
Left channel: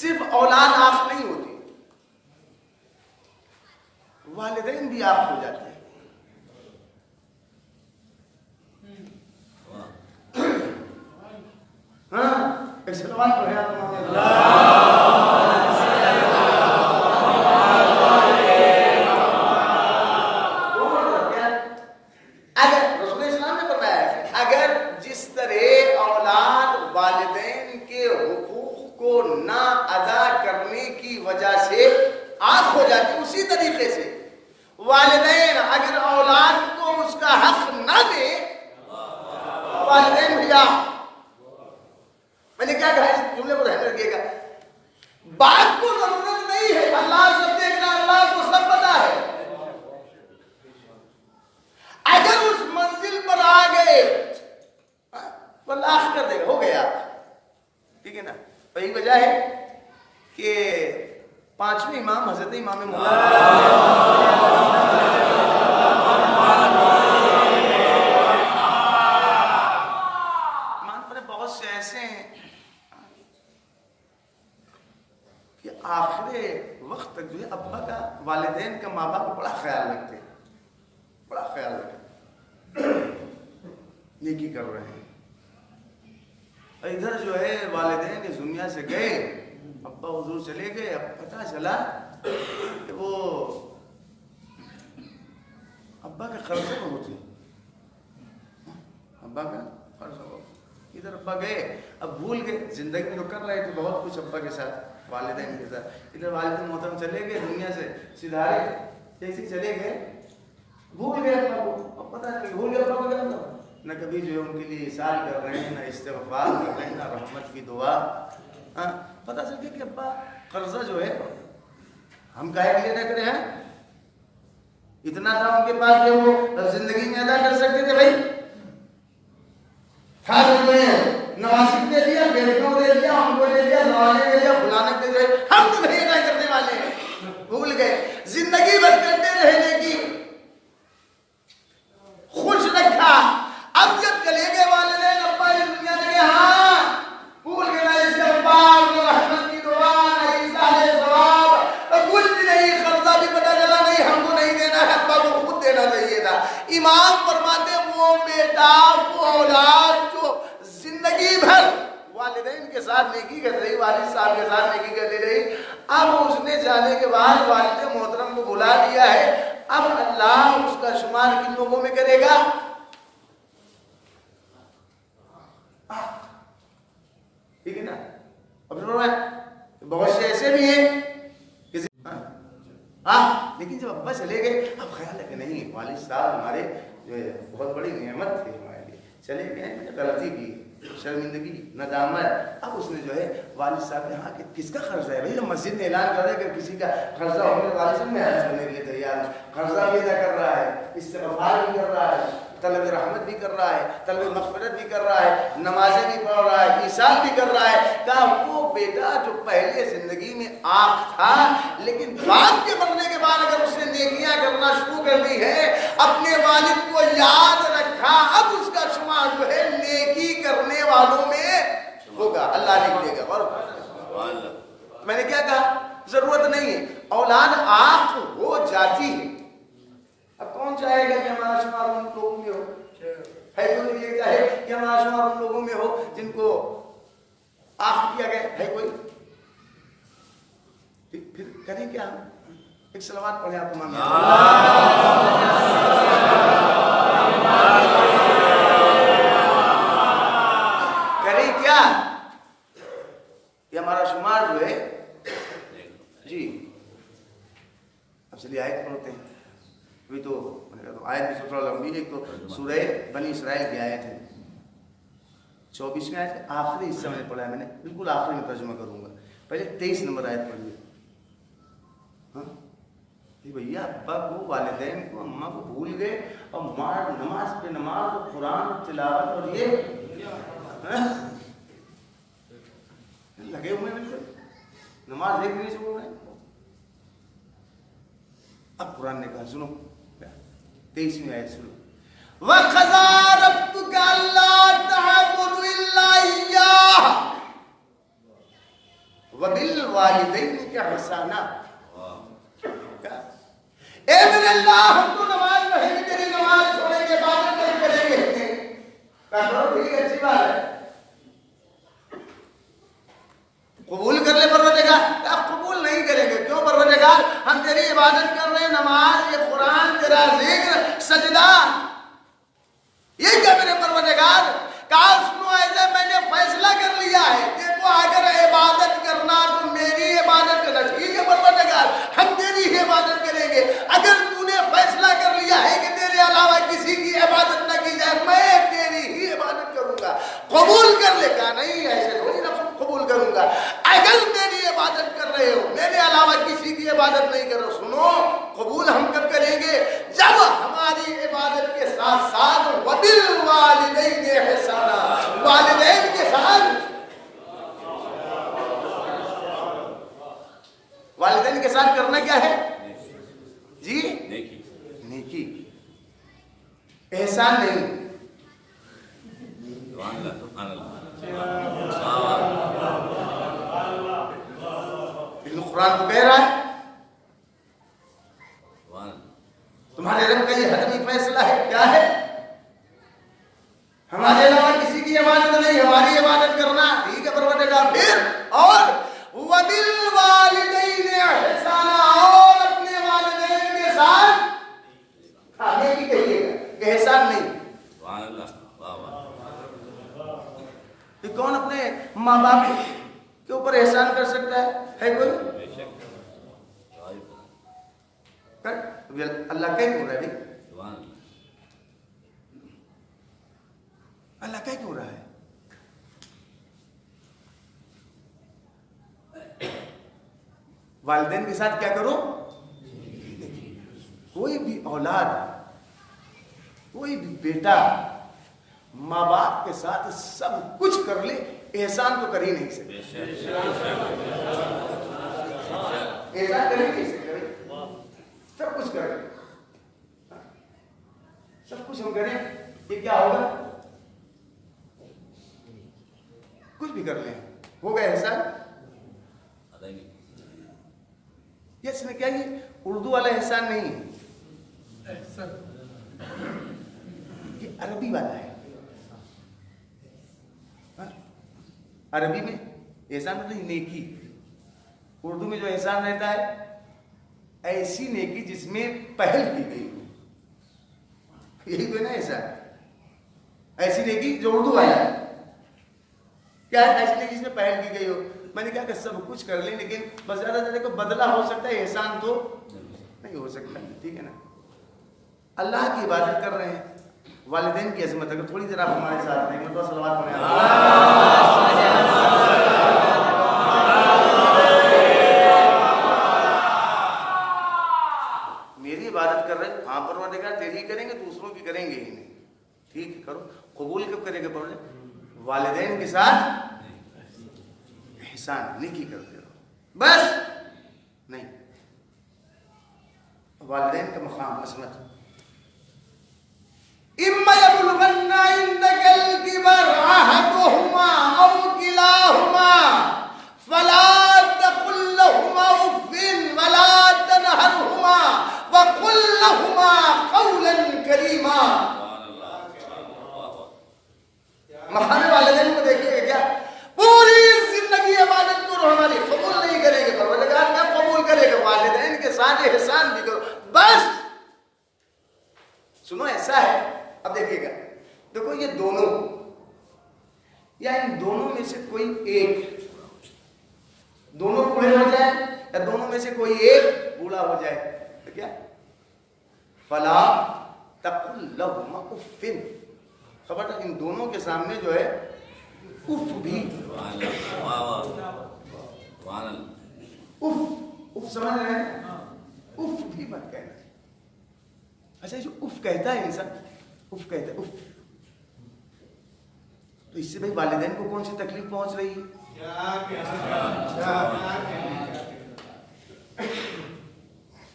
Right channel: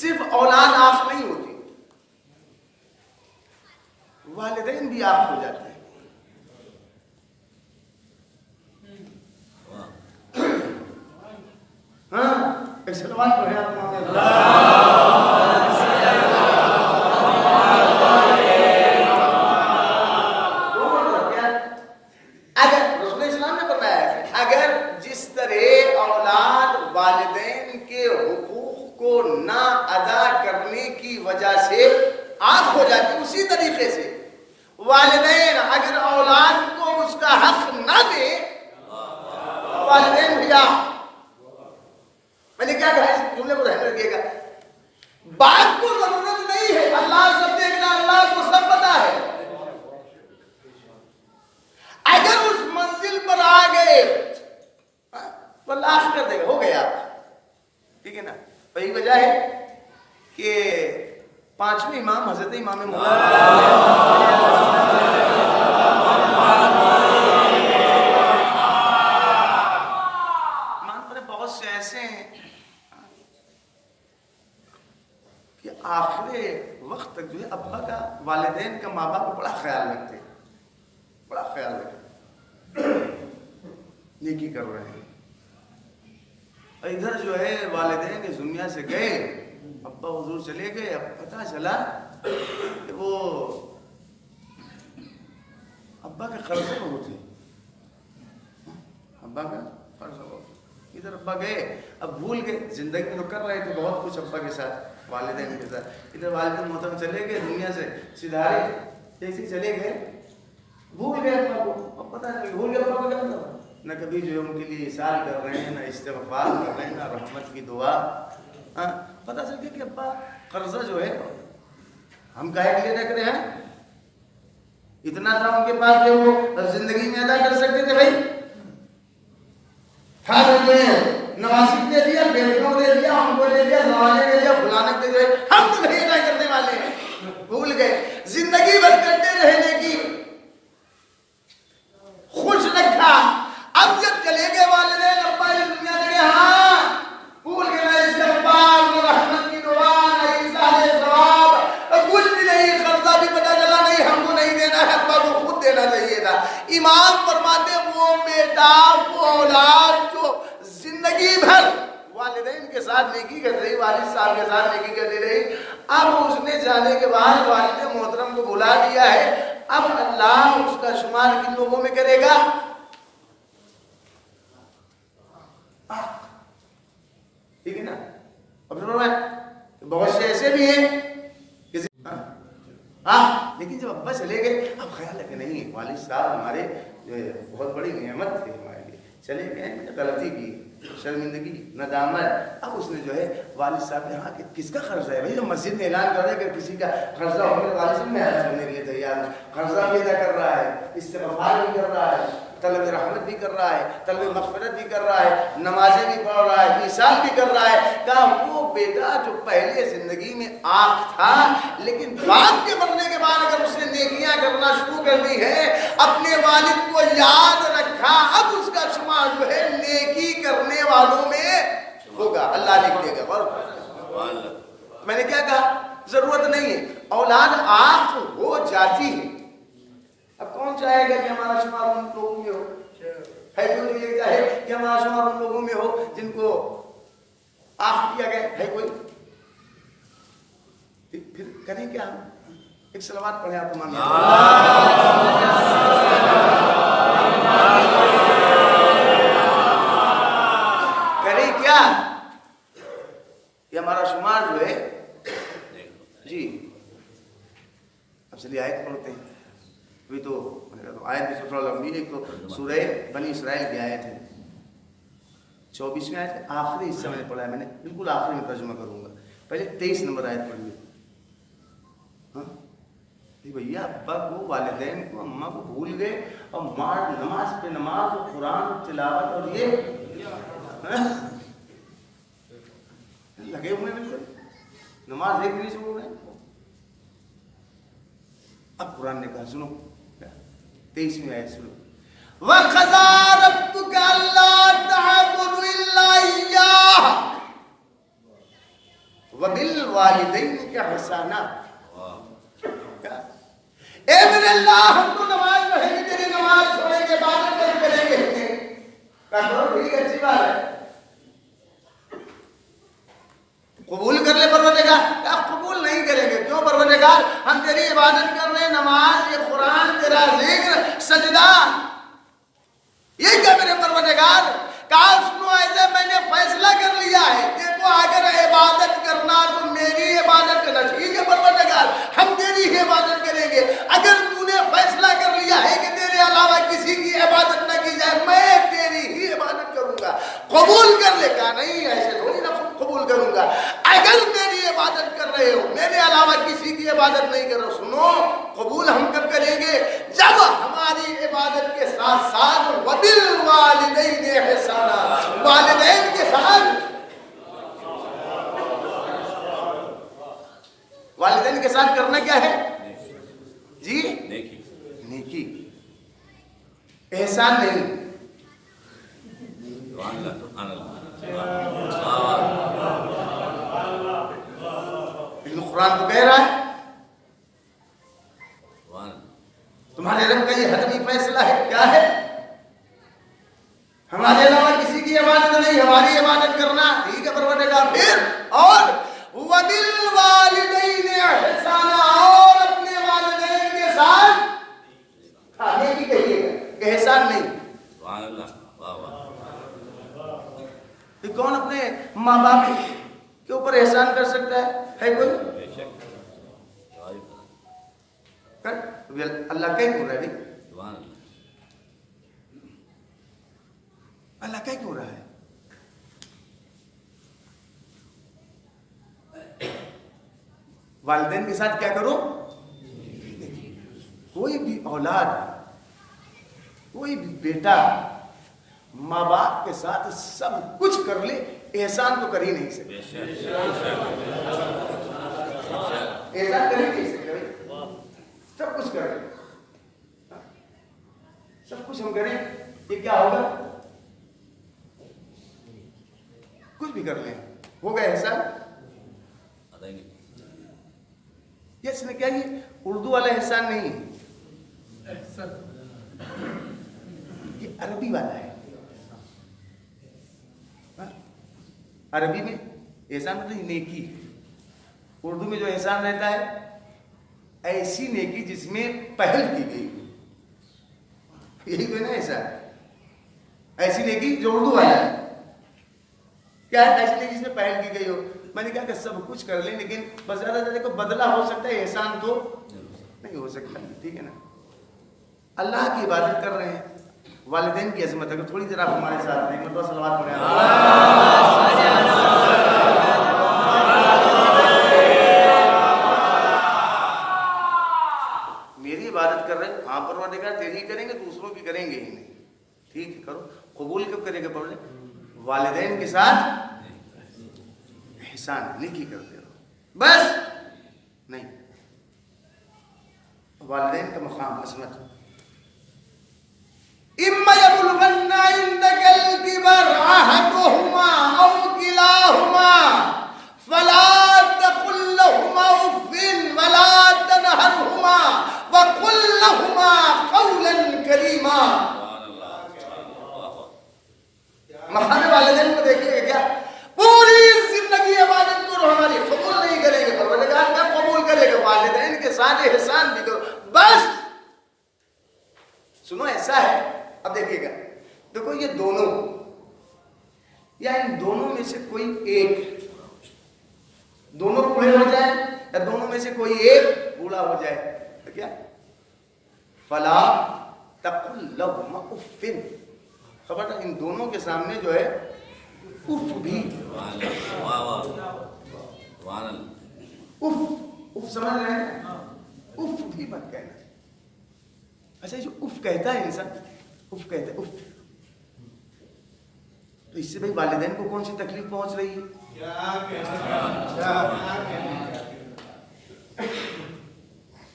صرف اولاد آنکھ نہیں ہوتی، والدین بھی آنکھ ہو جاتے ہیں. ہاں ایک سلوات پڑھے تمام اگر رسول اسلام نے فرمایا ہے اگر جس طرح اولاد والدین کے حقوق کو نہ ادا کرنے کی وجہ سے آنکھ ہو جاتی، اسی طریقے سے والدین اگر اولاد کو اس کا حق نہ دے والدین بھی آنکھ. میں نے کیا کہا اس جملے کو رہنے رکھیے گا. بات کو ضرورت نہیں ہے، اللہ سب دیکھ رہا، اللہ کو سب پتا ہے. اگر اس منزل پر آ گئے تو اللہ کر دے گا، ہو گیا. ٹھیک ہے نا. وہی وجہ ہے کہ پانچویں امام حضرت امام محمد بہت سے ایسے ہیں کہ آخر وقت تک جو ہے ابا کا، والدین کا، ماں باپ کا بڑا خیال رکھتے ہیں، بڑا خیال رکھتے ہیں، نیکی کر رہے ہیں. اور ادھر جو ہے والدین اس دنیا سے گئے، ابا حضور چلے گئے، اب پتہ چلا کہ وہ ابا کے قرضے بہت ہیں، ابا کا قرض بہت. ادھر ابا گئے، اب بھول گئے، زندگی میں تو کر رہے تھے بہت کچھ ابا کے ساتھ، والدین کے ساتھ. ادھر والدین محترم چلے گئے دنیا سے، سدھارے جیسے چلے گئے، بھول گئے ابا کو. اب پتہ نہیں بھول گئے ابا کو کیا مطلب، نہ کبھی جو ہے ان کے لیے احسان کر رہے ہیں، نہ استغفار کر رہے ہیں، نہ رحمت کی دعا. پتہ چل گیا کہ ابا قرضہ جو ہے ہم کہے لیے نہ کرے ہیں، اتنا تھا ان کے پاس جو وہ زندگی میں ادا کر سکتے تھے. بھائی تھا جو نواسب دے دیا، بیٹیوں دے دیا، ان کو دے دیا، نوازے دے دیا، فلانک دے دیا، ہم تو نہیں ادا کرنے والے ہیں. بھول گئے. زندگی بھر کرتے رہنے کی خوش رکھا. اب جب چلے گئے والدین ابا اس دنیا سے گئے، ہاں بھول گئے نہ استغفار، نہ رحمت کی دعا، نہ ایصال ثواب، کچھ بھی نہیں. قرضہ بھی پتہ چلا نہیں، ہم کو نہیں دینا ہے، ابا کو خود دینا چاہیے تھا. امام فرماتے وہ بیٹا، وہ اولاد جو زندگی بھر والدین کے ساتھ نیکی کر رہی، والد صاحب کے ساتھ نیکی کرتی رہی، اب اس نے جانے کے بعد والد محترم کو بلا دیا ہے. اب اللہ اس کا شمار کن لوگوں میں کرے گا؟ ٹھیک ہے نا. اب بہت سے ایسے بھی ہیں لیکن جب ابا چلے گئے اب خیال ہے کہ نہیں، والد صاحب ہمارے جو ہے بہت بڑی نعمت تھے ہمارے لیے، چلے گئے میں نے غلطی کی، شرمندگی، ندامت. اب اس نے جو ہے والد صاحب نے کہا کہ کس کا قرضہ ہے؟ بھائی ہم مسجد میں اعلان کر رہے ہیں کہ کسی کا قرضہ ہونے والد صاحب میں ادا کرنے کے لیے تیار ہوں. قرضہ بھی ادا کر رہا ہے، استغفار بھی کر رہا ہے، طلب رحمت بھی کر رہا ہے، طلب مغفرت بھی کر رہا ہے، نمازیں بھی پڑھ رہا ہے، ایثار بھی کر رہا ہے. کہا وہ بیٹا جو پہلے زندگی میں آنکھ تھا لیکن باپ کے مرنے کے بعد اگر اس نے نیکیاں کرنا شروع کر دی ہے، اپنے والد کو یاد رکھا، اب اس کا شمار جو ہے نیکی کرنے والوں میں ہوگا، اللہ لکھ دے گا. اور میں نے کیا کہا، ضرورت نہیں ہے، اولاد آنکھ ہو جاتی ہے. اب کون چاہے گا کہ ہمارا شمار ان لوگوں میں ہو؟ ہے کوئی یہ چاہے کہ ہمارا شمار ان لوگوں میں ہو جن کو آنکھ کیا گیا؟ ہے کوئی؟ پھر کریں کیا؟ ایک صلوات پڑھے آپ تمام. کریں کیا کہ ہمارا شمار جو ہے جی. اب چلیے آیت پڑھتے ہیں. ابھی تو آیت بھی تھوڑا لمبی ہے. ایک تو سورہ بنی اسرائیل کی آیت ہے 24 میں آیت ہے، آخری حصہ میں نے پڑھا ہے، میں نے بالکل آخری میں ترجمہ کروں گا. پہلے 23 نمبر آیت پڑھیے. بھیا ابا کو، والدین کو، اماں کو بھول گئے اور نماز پہ نماز اور قرآن تلاوت اور یہ لگے ہوئے بالکل نماز ایک نہیں چھوڑ رہے. اب قرآن نے کہا سنو 23ویں آیت سنو. وَقَضَىٰ رَبُّكَ أَلَّا تَعْبُدُوا إِلَّا إِيَّاهُ وبالوالدین کا احسانا. اے میرے اللہ ہم تو نماز پڑھیں گے تیری نماز چھوڑیں گے عبادت کریں گے. ٹھیک ہے اچھی بات ہے قبول کر لے پروردگار. آپ قبول نہیں کریں گے کیوں پروردگار؟ ہم تیری عبادت کر رہے ہیں نماز یہ قرآن تیرا ذکر سجدہ یہ کیا میرے پروردگار؟ کہا سنو ایسے میں نے فیصلہ کر لیا ہے دیکھو اگر عبادت کرنا تو میری عبادت کرنا. ٹھیک ہے پروردگار ہم تیری ہی عبادت کریں گے. اگر تو نے فیصلہ کر لیا ہے کہ تیرے علاوہ کسی کی عبادت نہ کی جائے میں تیری ہی عبادت کروں گا قبول کر لے. کہا نہیں ایسے تھوڑی نہ قبول کروں گا. اگر میری عبادت کر رہے ہو میرے علاوہ کسی کی عبادت نہیں کر رہے سنو قبول ہم کب کریں گے؟ جب ہماری عبادت کے ساتھ ساتھ وبالوالدین احسانا والدین کے ساتھ والدین کے ساتھ کرنا کیا ہے جی؟ نیکی احسان نہیں. لیکن قرآن تو کہہ رہا ہے تمہارے رب کا یہ حتمی فیصلہ ہے. کیا ہے؟ ہمارے علاوہ کسی کی عبادت نہیں ہماری عبادت کرنا. ٹھیک ہے پروردگار پھر اور وبالوالدین احسانا اور اپنے والدین کے ساتھ کھانے کی کہیے گا احسان نہیں. کہ کون اپنے ماں باپ کے اوپر احسان کر سکتا ہے کوئی؟ اللہ کہیں کیوں رہا ہے بھائی؟ اللہ کہیں کیوں رہا ہے؟ والدین کے ساتھ کیا کرو؟ کوئی بھی اولاد کوئی بھی بیٹا ماں باپ کے ساتھ سب کچھ کر لے احسان تو کر ہی نہیں سکتے. احسان کر ہی نہیں سکتے بھائی. سب کچھ کر لیں سب کچھ ہم کریں یہ کیا ہوگا؟ کچھ بھی کر لیں ہوگا احسان؟ اس نے کیا یہ اردو والا احسان نہیں ہے یہ عربی والا ہے. عربی میں احسان مطلب نیکی. اردو میں جو احسان رہتا ہے ایسی نیکی جس میں پہل کی گئی ہو. یہی تو ہے نا احسان. ایسی نیکی جو اردو والا ہے کیا ہے ایسی نیکی جس میں پہل کی گئی ہو. میں نے کہا کہ سب کچھ کر لیں لیکن بس زیادہ سے زیادہ بدلہ ہو سکتا ہے احسان تو نہیں ہو سکتا. ٹھیک ہے نا اللہ کی عبادت کر رہے ہیں والدین کی عظمت اگر تھوڑی ذرا ہمارے ساتھ نہیں مرتبہ صلوات پڑھیں. میری عبادت کر رہے ہیں ہاں پروردگار تیری کریں گے دوسروں کی کریں گے ہی نہیں. ٹھیک ہے کرو قبول کب کرے گا؟ پڑھ لیں والدین کے ساتھ احسان نیکی کرتے رہو بس نہیں. والدین کا مقام عظمت. اما یبلغن عندک الکبر احدهما او کلاهما فلا تقل لهما اف ولا تنهرهما وقل لهما قولا کریما. مقام والدین کو دیکھیے کیا پوری زندگی عبادت کرو ہماری قبول نہیں کریں گے پروردگار کیا قبول کرے گا؟ والدین کے ساتھ احسان بھی کرو بس. سنو ایسا ہے اب دیکھیے گا دیکھو یہ دونوں یا ان دونوں میں سے کوئی ایک دونوں بوڑھے ہو جائے یا دونوں میں سے کوئی ایک بوڑھا ہو جائے تو کیا فلا تقل لهما اف. خبر ان دونوں کے سامنے جو ہے اف بھی اف سمجھ رہے ہیں اف بھی مت کہنا. اچھا جو اف کہتا ہے انسان اف کہتا ہے اف تو اس سے بھائی والدین کو کون سی تکلیف پہنچ رہی ہے؟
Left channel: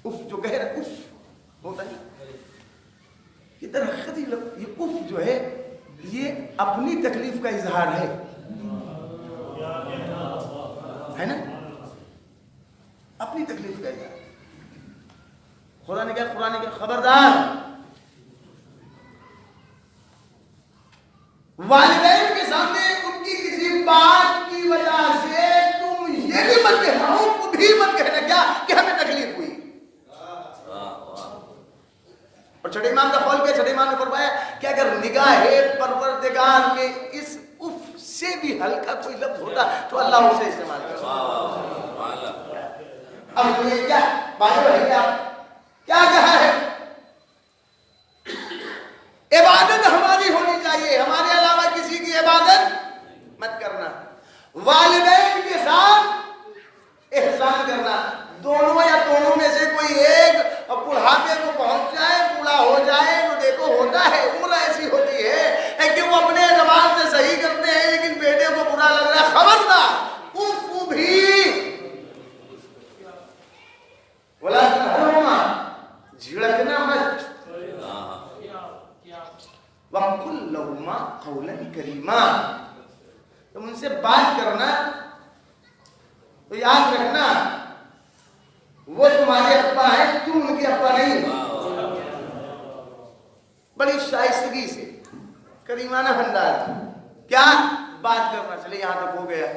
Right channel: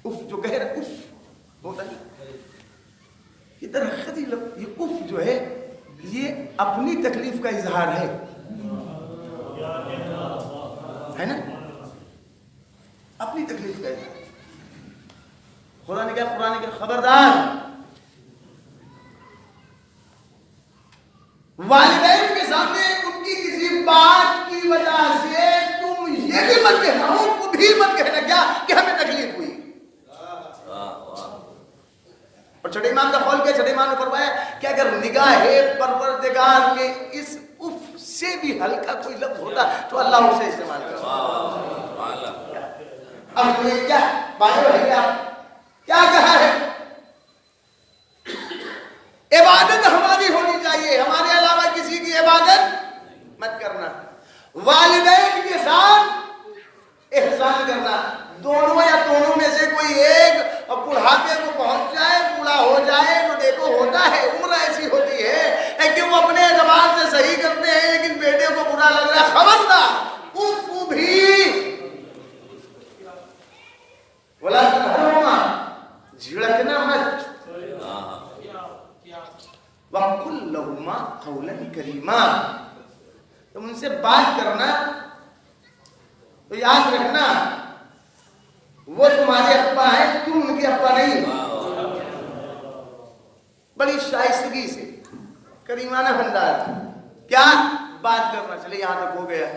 اف جو کہہ رہا اف ہوتا ہے یہ درخت یہ اف جو ہے یہ اپنی تکلیف کا اظہار ہے. ہے نا؟ اپنی تکلیف کا اظہار. خدا نے کہا قرآن کے خبردار والدین کے سامنے ان کی کسی بات کی وجہ سے تم یہ بھی مت کہنا ہو وہ بھی مت کہنا کیا کہ ہمیں تکلیف ہوئی. اور چھٹے امام کا قول کیا؟ چھٹے امام نے فرمایا کہ اگر نگاہ پروردگار میں اس اف سے بھی ہلکا کوئی لفظ ہوتا تو اللہ اسے استعمال کرتا. اب یہ کیا بات ہے؟ کیا کہا ہے؟ عبادت ہماری ہونی چاہیے، ہمارے علاوہ کسی کی عبادت مت کرنا. والدین کے ساتھ احسان کرنا. دونوں یا دونوں میں سے کوئی ایک بڑھاپے کو پہنچ جائے، بوڑھا ہو جائے تو دیکھو ہوتا ہے، عمر ایسی ہوتی ہے کہ وہ اپنے زبان سے صحیح کرتے ہیں لیکن بیٹے کو برا لگ رہا ہے. خبردار اف بھی بولا تنہرہما، جھڑکنا مت. وَقُلْ لَهُمَا قَوْلًا كَرِيمًا، تم ان سے بات کرنا تو یاد رکھنا وہ تمہارے ابا ہیں، تم ان کے ابا نہیں. بڑی شائستگی سے کریمانہ انداز کیا بات کرنا. چلے یہاں تک ہو گیا.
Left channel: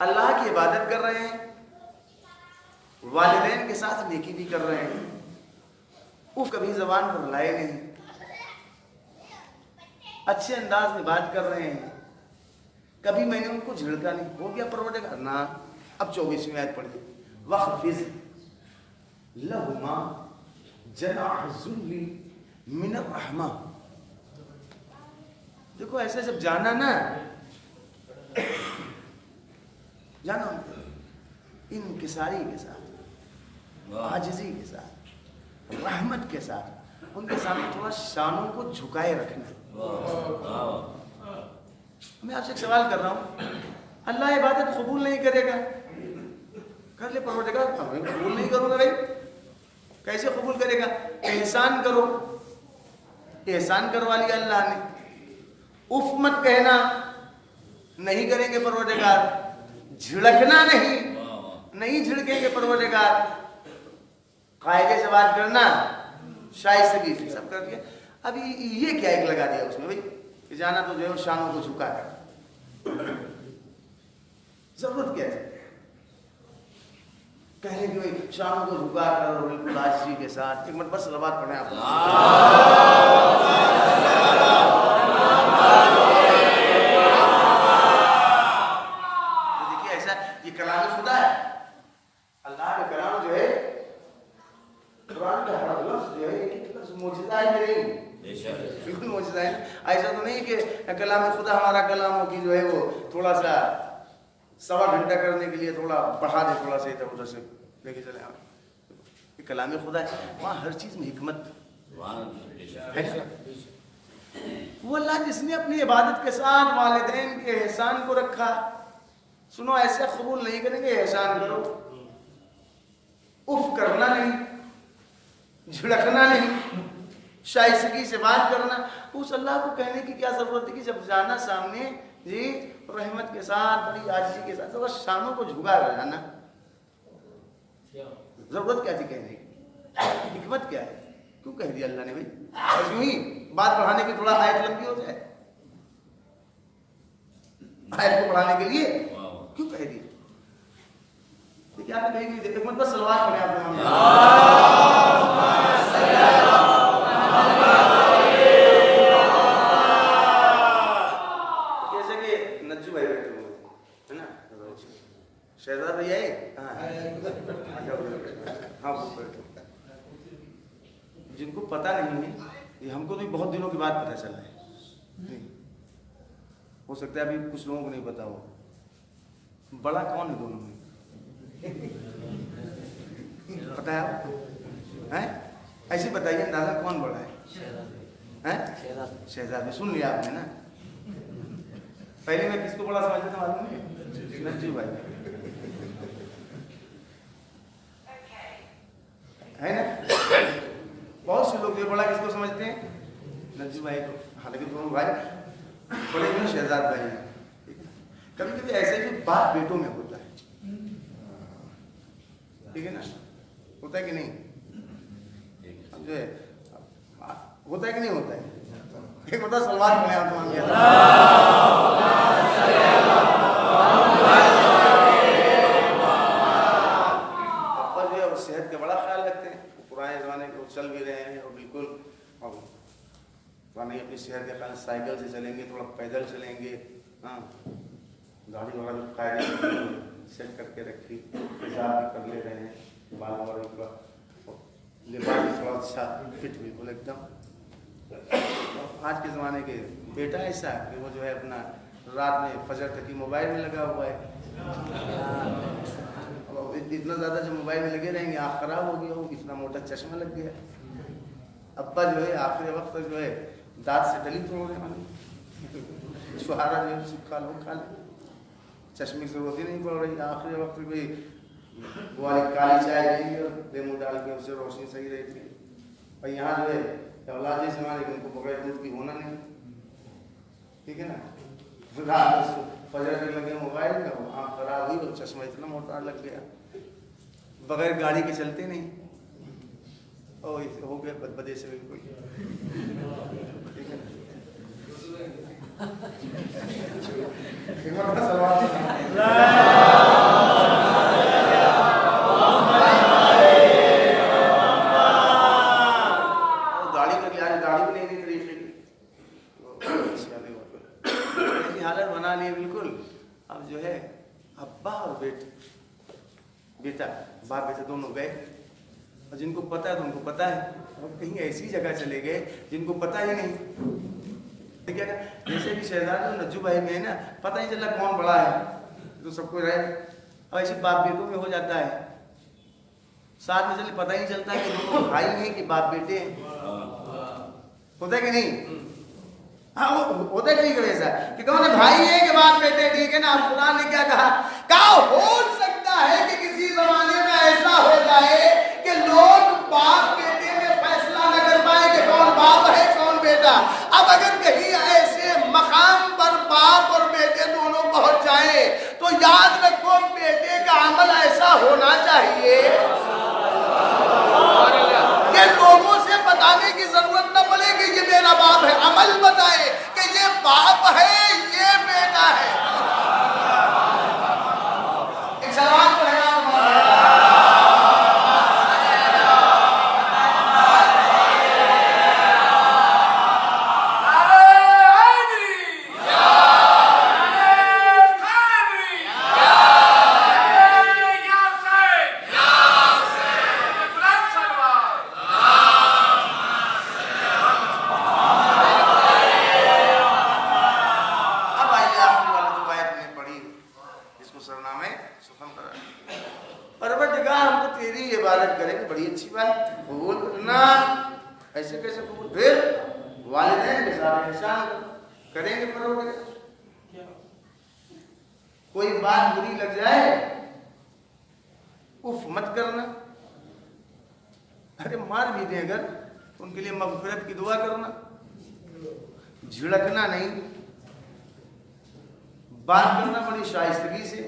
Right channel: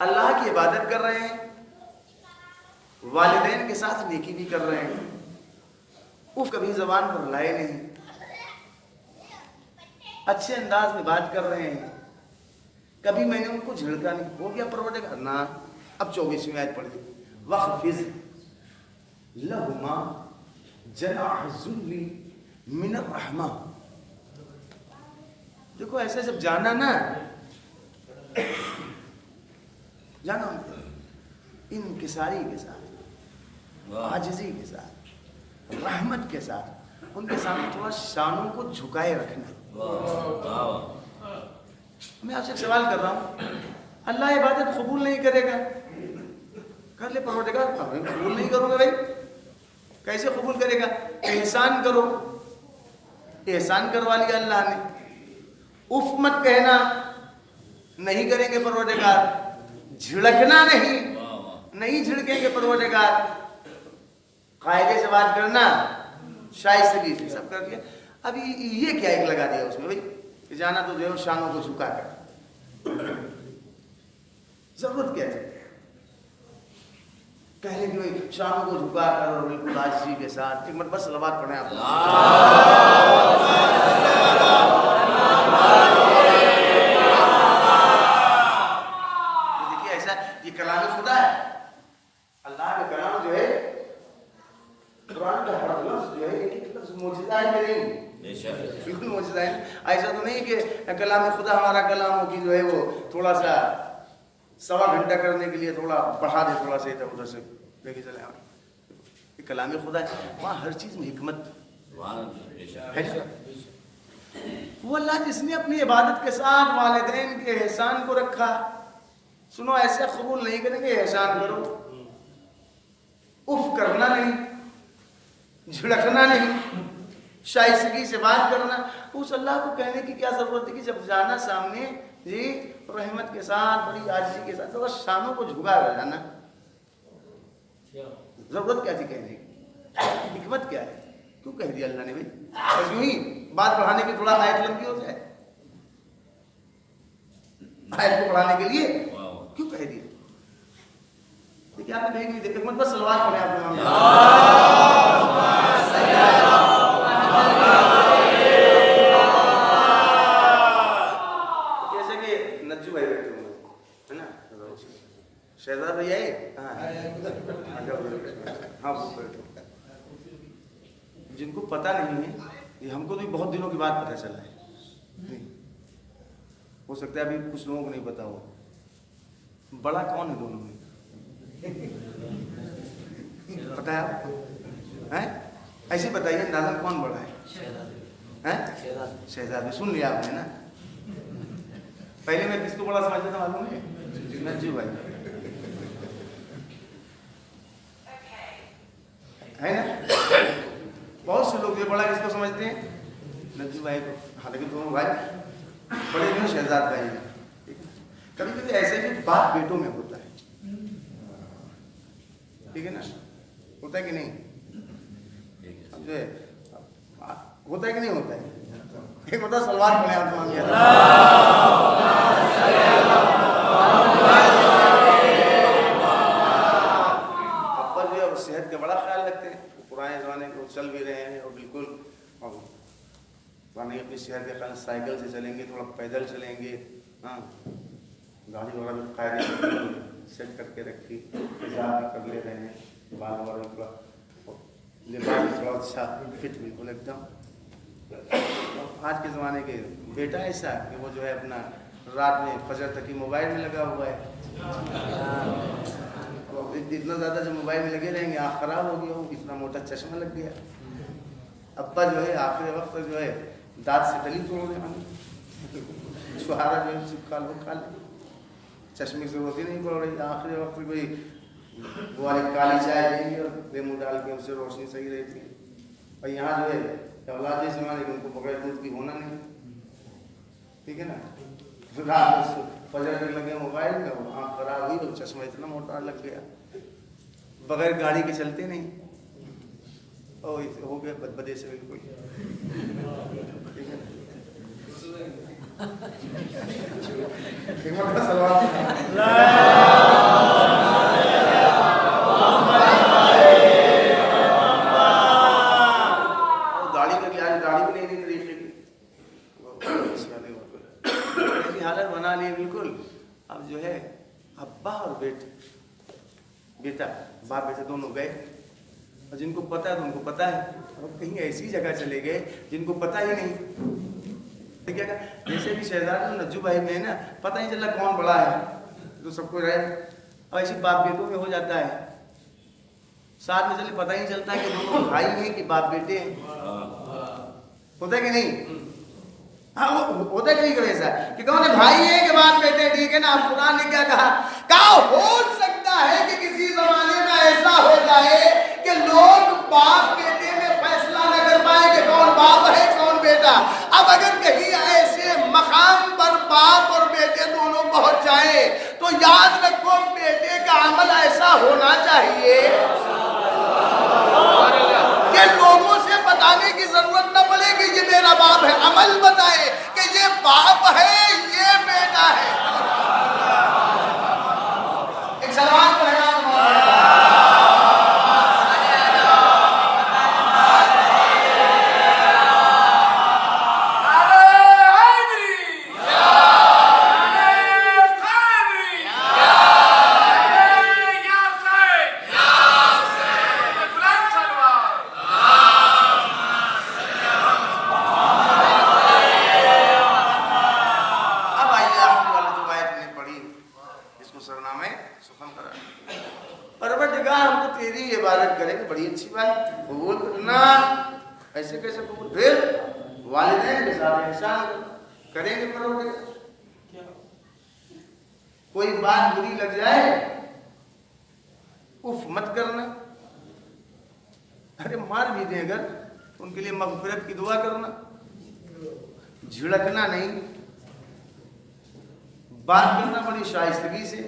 اللہ کی عبادت کر رہے ہیں، والدین کے ساتھ نیکی بھی کر رہے ہیں، وہ کبھی زبان پر لائے نہیں، اچھے انداز میں بات کر رہے ہیں، کبھی میں نے ان کو جھڑکا نہیں. ہو گیا پروردگار نا. اب 24ویں آیت پڑھیے. وَخْفِضْ لَهُمَا جَنَاحَ الذُّلِّ مِنَ الرَّحْمَةِ. دیکھو ایسے جب جانا نا، جانا انکساری کے ساتھ، عاجزی کے ساتھ، رحمت کے ساتھ ان کے سامنے تھوڑا شانوں کو جھکائے رکھنا. میں آپ سے ایک سوال کر رہا ہوں، اللہ عبادت قبول نہیں کرے گا؟ کر لے پروردگار، قبول نہیں کروں گا. بھائی کیسے قبول کرے گا؟ احسان کرو. احسان کروا لیا اللہ نے. اف مت کہنا، نہیں کریں گے پروردگار. جھڑکنا نہیں جھڑکیں گے پروردگار. قاعدے سے بات کرنا، شائستگی سے سب کر دیا. ابھی یہ کیا ایک لگا دیا اس میں بھائی کہ جانا تو جو ہے شانوں کو جھکا کر. ضرورت کیا ہے کہنے کی بھائی شانوں کو جھکا کر اور بالکل عاجزی کے ساتھ. ایک منٹ بس صلوات پڑھیں آپ. دیکھیے ایسا یہ کلام خدا ہے. اللہ کا کلام جو ہے، قرآن کا ہر لفظ جو ہے ایک لفظ معجزہ ہے کہ نہیں؟ بالکل معجزہ ہے. ایسا تو نہیں کہ کلام خدا ہمارا کلام ہو کہ جو ہے وہ تھوڑا سا 1.25 گھنٹہ کرنے کے لیے تھوڑا بڑھا دے، تھوڑا سا ادھر ادھر سے لے کے چلے. یہ کلام خدا ہے، وہاں ہر چیز میں حکمت ہے. وہ اللہ جس نے اپنی عبادت کے ساتھ والدین کے احسان کو رکھا. سنو ایسے قبول نہیں کریں گے. احسان کرو، اف کرنا نہیں، جھڑکنا نہیں، شائستگی سے بات کرنا. اس اللہ کو کہنے کی کیا ضرورت ہے کہ جب جانا سامنے جی رحمت کے ساتھ، بڑی عاجزی کے ساتھ، بس شانوں کو جھکا کر جانا. ضرورت کیا تھی کہنے کی؟ حکمت کیا ہے؟ کیوں کہہ دیا اللہ نے بھائی؟ اور یوں ہی بات بڑھانے کی تھوڑا آیت لمبی ہو جائے، آیت کو بڑھانے کے لیے کیوں کہہ دیا؟ دیکھیے آپ نے کہیں گے ایک مرتبہ سلوات پڑھیں آپ نے. جیسے کہ نجو بھائی بیٹھے ہوئے ہے نا، شہزاد بھائی آئے ہاں وہ بیٹھو. جن کو پتہ نہیں ہے، یہ ہم کو تو بہت دنوں کے بعد پتہ چلا ہے. ہو سکتا ہے ابھی کچھ لوگوں کو نہیں پتا ہو. بڑا کون ہے دونوں میں؟ پتا ہے آپ کو؟ ایسے بتائیے اندازہ کون بڑا ہے؟ شہزاد. سن لیا آپ نے نا. پہلے میں کس کو بڑا سمجھتا تھا معلوم ہے؟ نجو بھائی ہے نا. بہت سے لوگ یہ بڑا کس کو سمجھتے ہیں؟ نجو بھائی کو. حالانکہ دونوں بھائی بڑے بھی شہزاد بھائی ہیں. کبھی کبھی ایسے بھی باپ بیٹوں میں ہوتا ہے، ٹھیک ہے نا، ہوتا ہے کہ نہیں؟ اب جو ہے ہوتا ہے کہ نہیں ہوتا ہے؟ ایک بتا سلوات پڑھیں آپ مان کے ابا جو ہے وہ صحت کا بڑا خیال رکھتے ہیں، پرانے زمانے کے وہ چل بھی رہے ہیں اور بالکل نہیں اپنی صحت کا خیال، سائیکل سے چلیں گے، تھوڑا پیدل چلیں گے، ہاں گاڑی وغیرہ جو قاعدے سیٹ کر کے رکھی، حساب بھی کر لے رہے ہیں، بال وغیرہ بھی تھوڑا، لباس بھی تھوڑا اچھا فٹ بالکل ایک دم۔ آج کے زمانے کے بیٹا ایسا کہ وہ جو ہے اپنا رات میں فجر تک ہی موبائل میں لگا ہوا ہے، اتنا زیادہ جو موبائل میں لگے رہیں گے آنکھ خراب ہو گیا، اتنا موٹا چشمہ لگ گیا۔ ابا جو ہے آخری وقت جو ہے دانت سے ڈلی توڑنے والی، چھہارا جو ہے کھا لو کھا لے، چشمے کی ضرورت ہی نہیں پڑ رہی، آخری وقت کوئی وہ والی کالی چائے دیں گے اور لیمو ڈال کے اس سے روشنی صحیح رہتی ہے۔ اور یہاں جو ہے اولاد جیسے ہمارے ان کو بغیر دودھ کی ہونا نہیں، ٹھیک ہے نا، رات فجر تک لگے موبائل میں، وہ آنکھ خراب ہوئی اور چشمہ اتنا موٹا لگ گیا، بغیر گاڑی کے چلتے نہیں، اور ہو گیا بدبدے سے بالکل، ٹھیک ہے نا۔ سلوات داڑھی کر لیا، داڑھی بھی نہیں طریقے کی ایسی حالت بنا لی بالکل۔ اب جو ہے ابا اور بیٹا باپ بیٹا دونوں گئے، اور جن کو پتا ہے تو ان کو پتا ہے، اور کہیں ایسی جگہ چلے گئے جن کو پتا ہی نہیں، کیا کہ جیسے بھی شہزادی اور نجو بھائی میں ہے نا، پتہ نہیں چلا کون بڑا ہے، تو سب کو رہے، اور ایسے باپ بیٹوں میں ہو جاتا ہے، ساتھ میں چلے پتہ ہی نہیں چلتا کہ دونوں بھائی ہیں کہ باپ بیٹے ہیں، ہوتا ہے کہ نہیں؟ ہاں ہوتا ہے کہیں کبھی ایسا کہ کون ہے بھائی ہے کہ باپ بیٹے، ٹھیک ہے نا۔ اب قرآن نے کیا کہا ہو سکتا ہے کہ کسی زمانے میں ایسا ہو جائے کہ لوگ باپ بیٹے میں فیصلہ نہ کر پائے کہ کون باپ ہے کون بیٹا۔ اب اگر کہیں ایسے مقام پر باپ اور بیٹے دونوں پہنچ جائیں تو یاد رکھو بیٹے کا عمل ایسا ہونا چاہیے کہ لوگوں سے بتانے کی ضرورت نہ پڑے کہ یہ میرا باپ ہے، عمل بتائے کہ یہ باپ ہے یہ بیٹا ہے۔ ایک سلوات پڑھیں آپ کریں گے، بڑی اچھی بات، قبول کرنا، ایسے کیسے قبول، پھر والدین کے ساتھ احسان کریں گے، پروردگار کوئی بات بری لگ جائے اف مت کرنا، ارے مار بھی دیں اگر ان کے لیے مغفرت کی دعا کرنا، جھڑکنا نہیں، بات کرنا بڑی شائستگی سے،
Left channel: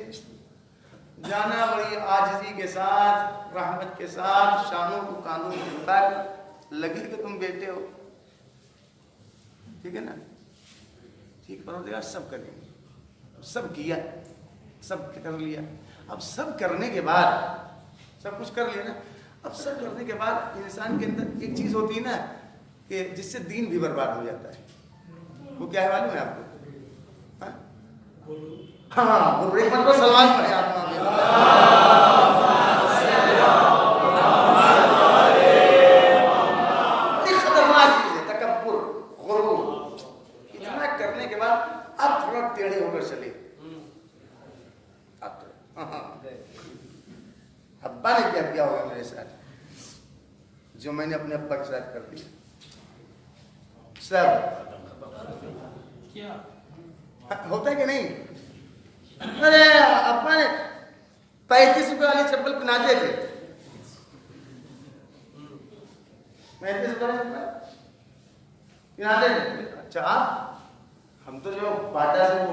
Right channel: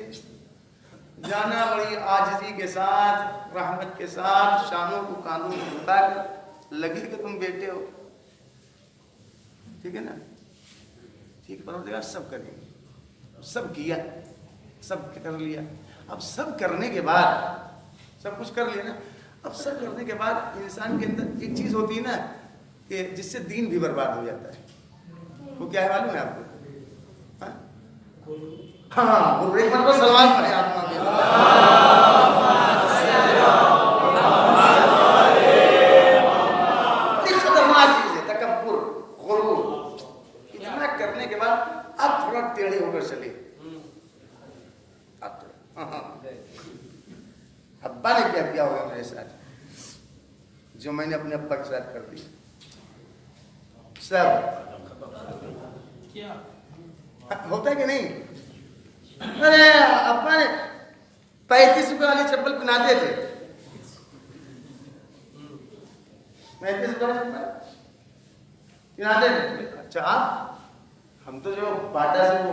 جانا بڑی عاجزی کے ساتھ، رحمت کے ساتھ، شانوں کو کاندھوں کو جھکا کر، لگے کہ تم بیٹے ہو، ٹھیک ہے نا، ٹھیک پروردگار سب کریں گے، سب کیا، سب کر لیا، اب سب کرنے کے بعد سب کچھ کر لیا نا، اب سب کرنے کے بعد انسان کے اندر ایک چیز ہوتی ہے نا کہ جس سے دین بھی برباد ہو جاتا ہے، وہ کیا ہے معلوم ہے آپ کو؟ ہاں ایک مرتبہ سلوات پڑھیں آپ وہاں بڑی خطرناک چیز ہے تکبر، غرور، اتنا کرنے کے بعد اب تھوڑا ٹیڑھے ہو کر چلے۔ ابا نے کیا کیا ہوگا میرے ساتھ جو میں نے اپنے ابا کے ساتھ کر دیا، سب ہوتا ہے کہ نہیں؟ ارے ابا نے 35 روپے والی چپل پہناتے تھے، 35 روپے پہناتے تھے، اچھا ہم تو جو باٹا سے وہ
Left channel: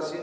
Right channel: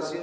10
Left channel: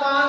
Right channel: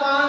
5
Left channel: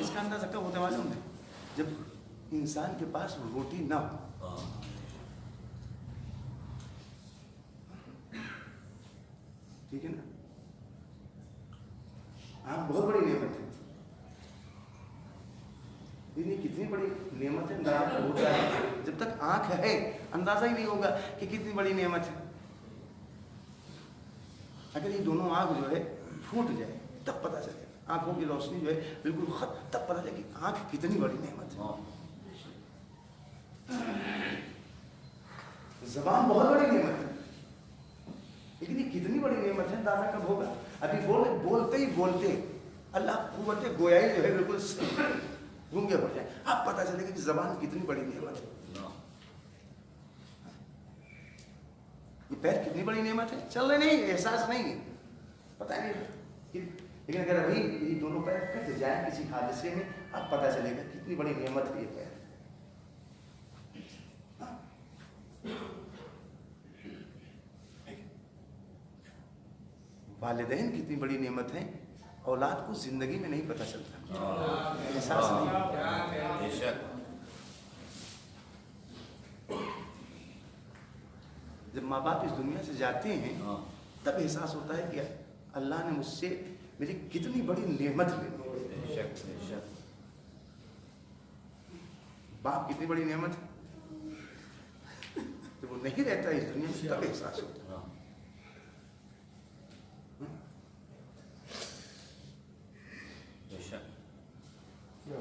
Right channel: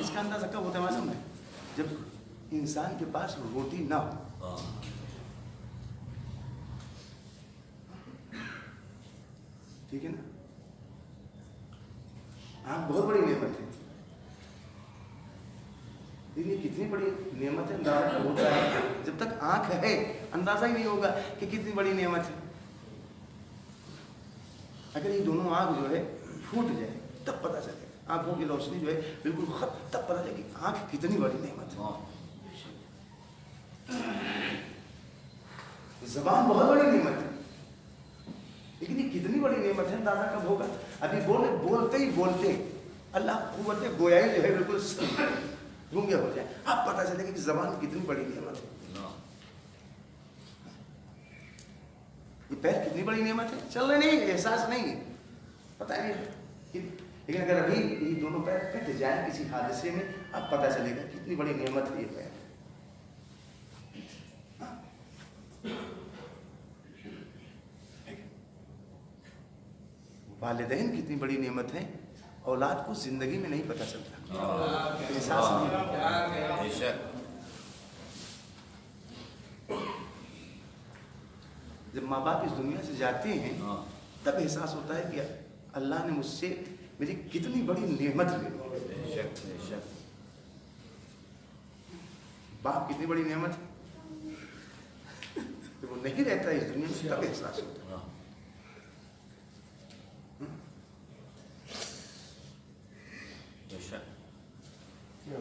اس کا اندازہ کب ہوتا ہے معلوم ہے؟ جب انسان کے پاس روٹی نہ ہو. ٹھیک ہے نا؟ آنکھ بہت بڑی نعمت ہے. لیکن کتنی بڑی نعمت ہے اندازہ ہوتا ہے جب تک آنکھ ہے اندازہ ہی نہیں ہوگا کہ کتنی بڑی نعمت ہے. اگر یہ دونوں آنکھ جو ہے پھوٹ جائے تب پتہ چلے گا. آنکھوں کی روشنی جو ہے بالکل ختم تب پتہ چلے کہ آنکھ کتنی بڑی نعمت ہے. زبان بہت بڑی نعمت ہے لیکن یہ کتنی بڑی نعمت ہے اندازہ کب ہوگا؟ ابھی بولتے ہی بولتے اللہ قوت گویائی جو ہے بالکل گونگے ہو جائیں اب پتہ چلے گا کہ زبان کتنی بڑی نعمت ہے. یہ پیر کتنی بڑی نعمت ہے. چل رہے نہیں احساس نہیں ہے پتہ نہیں. لیکن اگر ابھی یہ دونوں پیر کٹ جائیں کسی حادثے میں اب پتہ چلے گا کتنی بڑی نعمت ہے یہ پیر. والدین کتنی بڑی نعمت ہے. اولاد کو زندگی میں نہیں پتہ چلتا احساس نہیں. جب ماں باپ اس دنیا سے جاتے ہیں تب احساس ہوتا ہے کہ اللہ نے مجھ سے میری کتنی بڑی نعمت لے لی. باپ کتنی بڑی نعمت ہے. جب وہ نہیں رہتا اس دنیا میں تب احساس ہوتا ہے.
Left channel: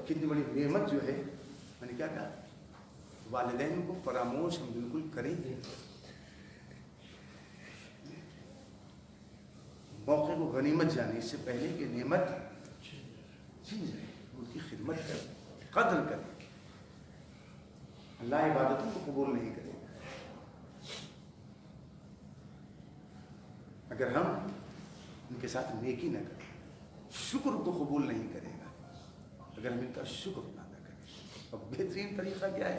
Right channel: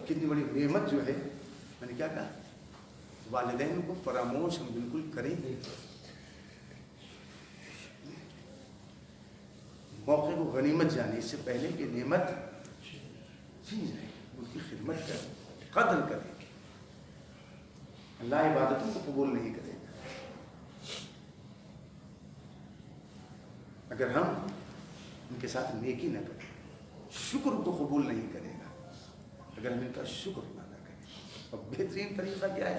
کتنی بڑی نعمت جو ہے. میں نے کیا کہا والدین کو فراموش ہم بالکل کریں گے. موقع کو غنیمت جانے اس سے پہلے کہ نعمت چھین جائے ان کی خدمت کریں قدر کریں. اللہ عبادتوں کو قبول نہیں کرے گا اگر ہم ان کے ساتھ نیکی نہ کریں. شکر کو قبول نہیں کرے گا اگر ہم ان کا شکر نہ کریں. اور بہترین طریقہ کیا ہے؟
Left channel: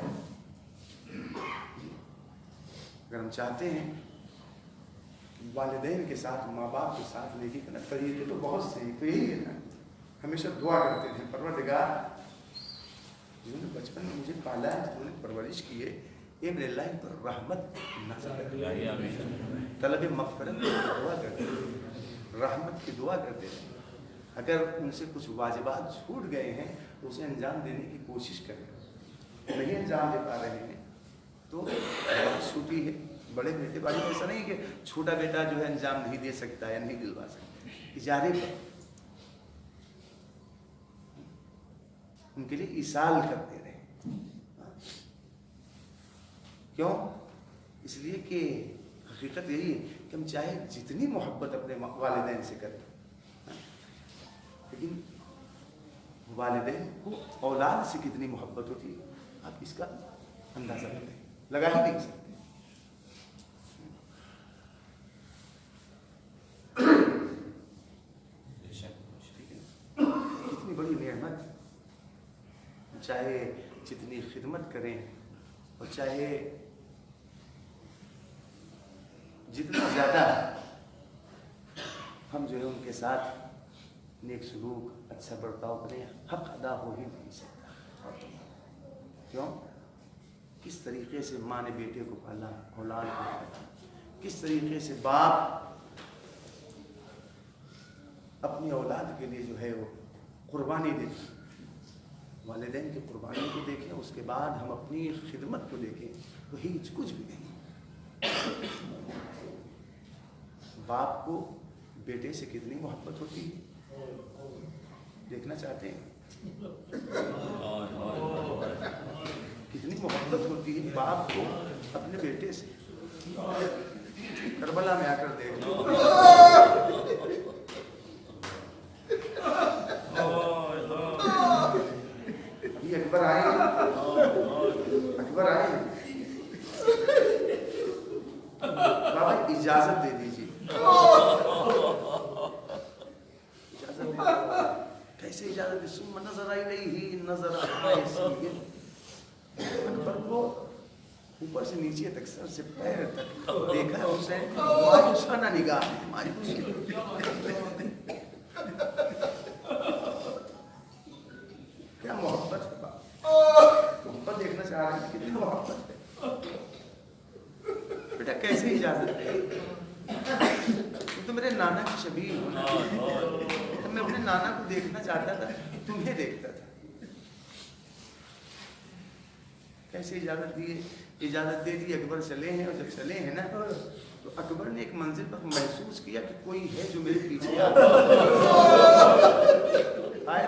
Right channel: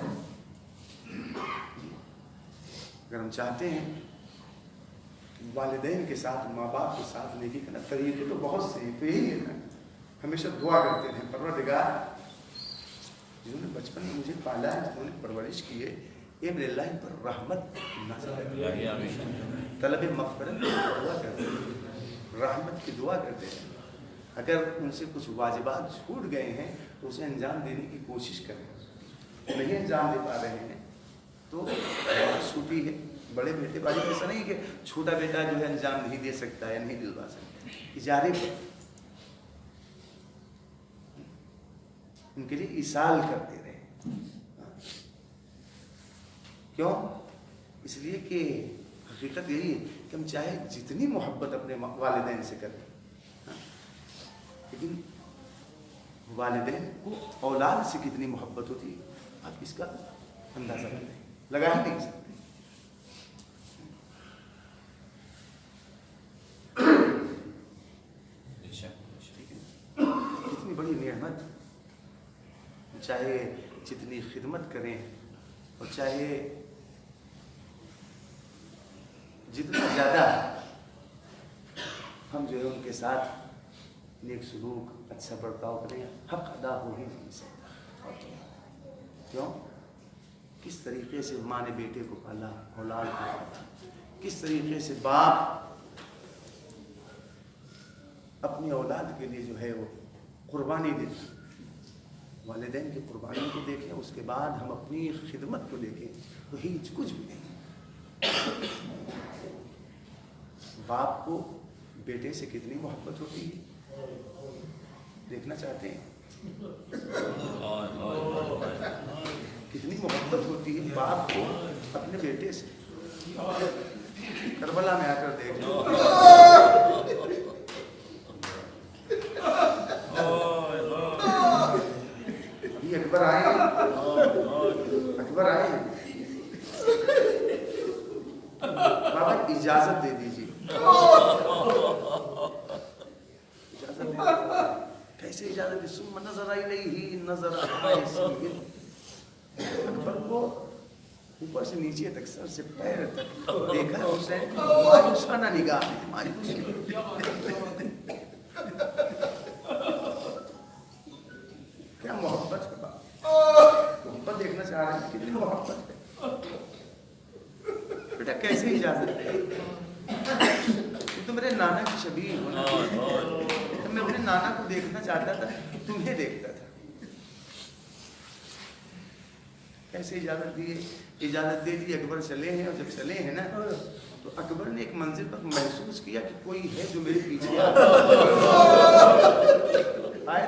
اگر ہم چاہتے ہیں والدین کے ساتھ ماں باپ کے ساتھ نیکی کرنا طریقے تو بہت سے ہیں. تو یہی ہے نا ہمیشہ دعا کرتے ہیں پروردگار جنہوں نے بچپن میں مجھے پالا ہے جنہوں نے پرورش کی ہے اے میرے اللہ ان پر رحمت نازل کر. طلب مغفرت کی دعا کرتے ہیں رحمت کی دعا کرتے ہیں. اگر ان سے کچھ واجبات چھوٹ گئے ہیں تو اسے انجام دینے کی کوشش کریں. نہیں انجام دے پا رہے ہیں تو بات چھوٹی ہے. بڑے بیٹے بھائی ایسا نہیں کہ چھوٹا بیٹا جو ہے انجام نہیں دے سکتا یا نہیں دلوا سکتا. اجارے پر ان کے لیے ایصال کرتے رہے. کیوں؟ اس لیے کہ حقیقت یہی ہے کہ ہم چاہے جتنی محبت اپنے والدین سے کریں لیکن والدین کو اولاد سے کتنی محبت ہوتی ہے آپ اس کا اندازہ لگا ہی نہیں سکتے. کتنی بڑی نعمت. چاہے جتنی خدمت کریں اور چاہے جتنا زیادہ ہم جو ہے ان کے ساتھ نیک سلوک اچھا برتاؤ کریں حق ادا ہو ہی نہیں سکتا. کیوں؟ کس طریقے سے ماں نے بیٹے کو پالا اولاد کو پالا. کس طریقے سے باپ اپنی اولاد کے لیے جو ہے وہ قربانی دیتا. والدین کی قربانی کو دیکھیں اس کے بعد ہم اپنی خدمت کو دیکھیں تو ہیچ کچھ بھی نہیں. باپ کو بیٹے سے کتنی محبت ہوتی ہے دیکھنا چاہتے ہیں. کتنی محبت ہوتی ہے باپ کو اپنے بیٹے سے. کربلا میں آ کر دیکھ لو. ابھی اکبر آئے بابا اجازت دے دیجیے. اجازت دے دیجیے. کیسے اجازت دی؟ ثم نظر الیہ نظر حائص. اکبر کو اوپر سے نیچے تک سر سے پیر تک دیکھا ہے حسین مایوسانہ نگاہ ہے. مایوس کیا محبت ہے باپ، محبت دیکھنا چاہ رہے ہیں کتنی محبت ہے بیٹا، کیسے اجازت ہے؟ تم تو میرے نانا کی شبیہ ہو نا، میں اپنے نانا کو دیکھنا چاہتا تھا، تمہیں دیکھتا تھا، کیسے اجازت دیے؟ اجازت دے دی، اکبر چلے ہیں، اور جب چلے ہیں نا تو اکبر نے ایک منزل پر محسوس کیا کہ کوئی ہے جو میرے پیچھے آ رہا ہے۔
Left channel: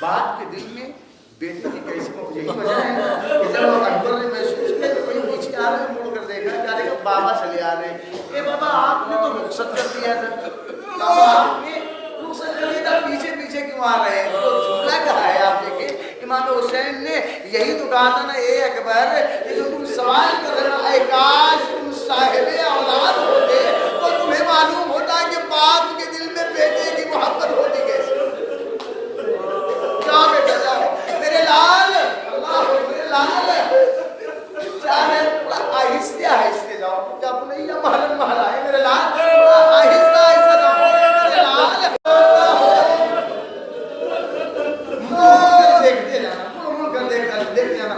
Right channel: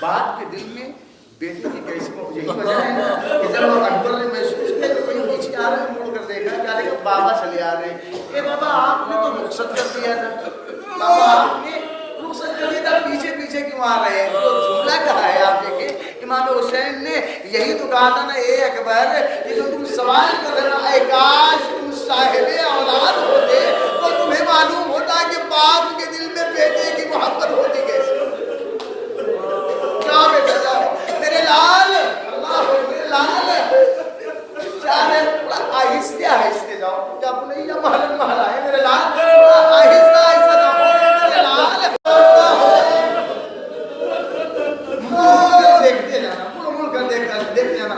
باپ کے دل میں بیٹے کی کیسی یہی وجہ ہے نا کہ جب اکبر نے محسوس کیا کہ کوئی پیچھے آ رہا ہے، مڑ کر دیکھا، کیا دیکھا بابا چلے آ رہے ہیں۔ اے بابا آپ نے تو رخصت کر دیا تھا، بابا آپ نے رخصت کر دیا تھا، پیچھے پیچھے کیوں آ رہے ہیں؟ جو جملہ کہا ہے آپ دیکھیں، امام حسین نے یہی تو کہا تھا نا، اے اکبر یہ جو تم سوال کر رہے نا، اے کاش تم صاحب اولاد ہوتے تو تمہیں معلوم ہوتا کہ باپ کے دل میں بیٹے کی محبت ہوتی کیسے۔ کیا بیٹا جاؤ میرے لال، اللہ میرے لال، چاہے تھوڑا آہستہ آہستہ جاؤ، کیا بنیا محل محل آئے میرے لال، تھوڑا آہستہ آہستہ جاؤ میرے لال، دیکھتے جانا، مڑ کر دیکھتے جانا،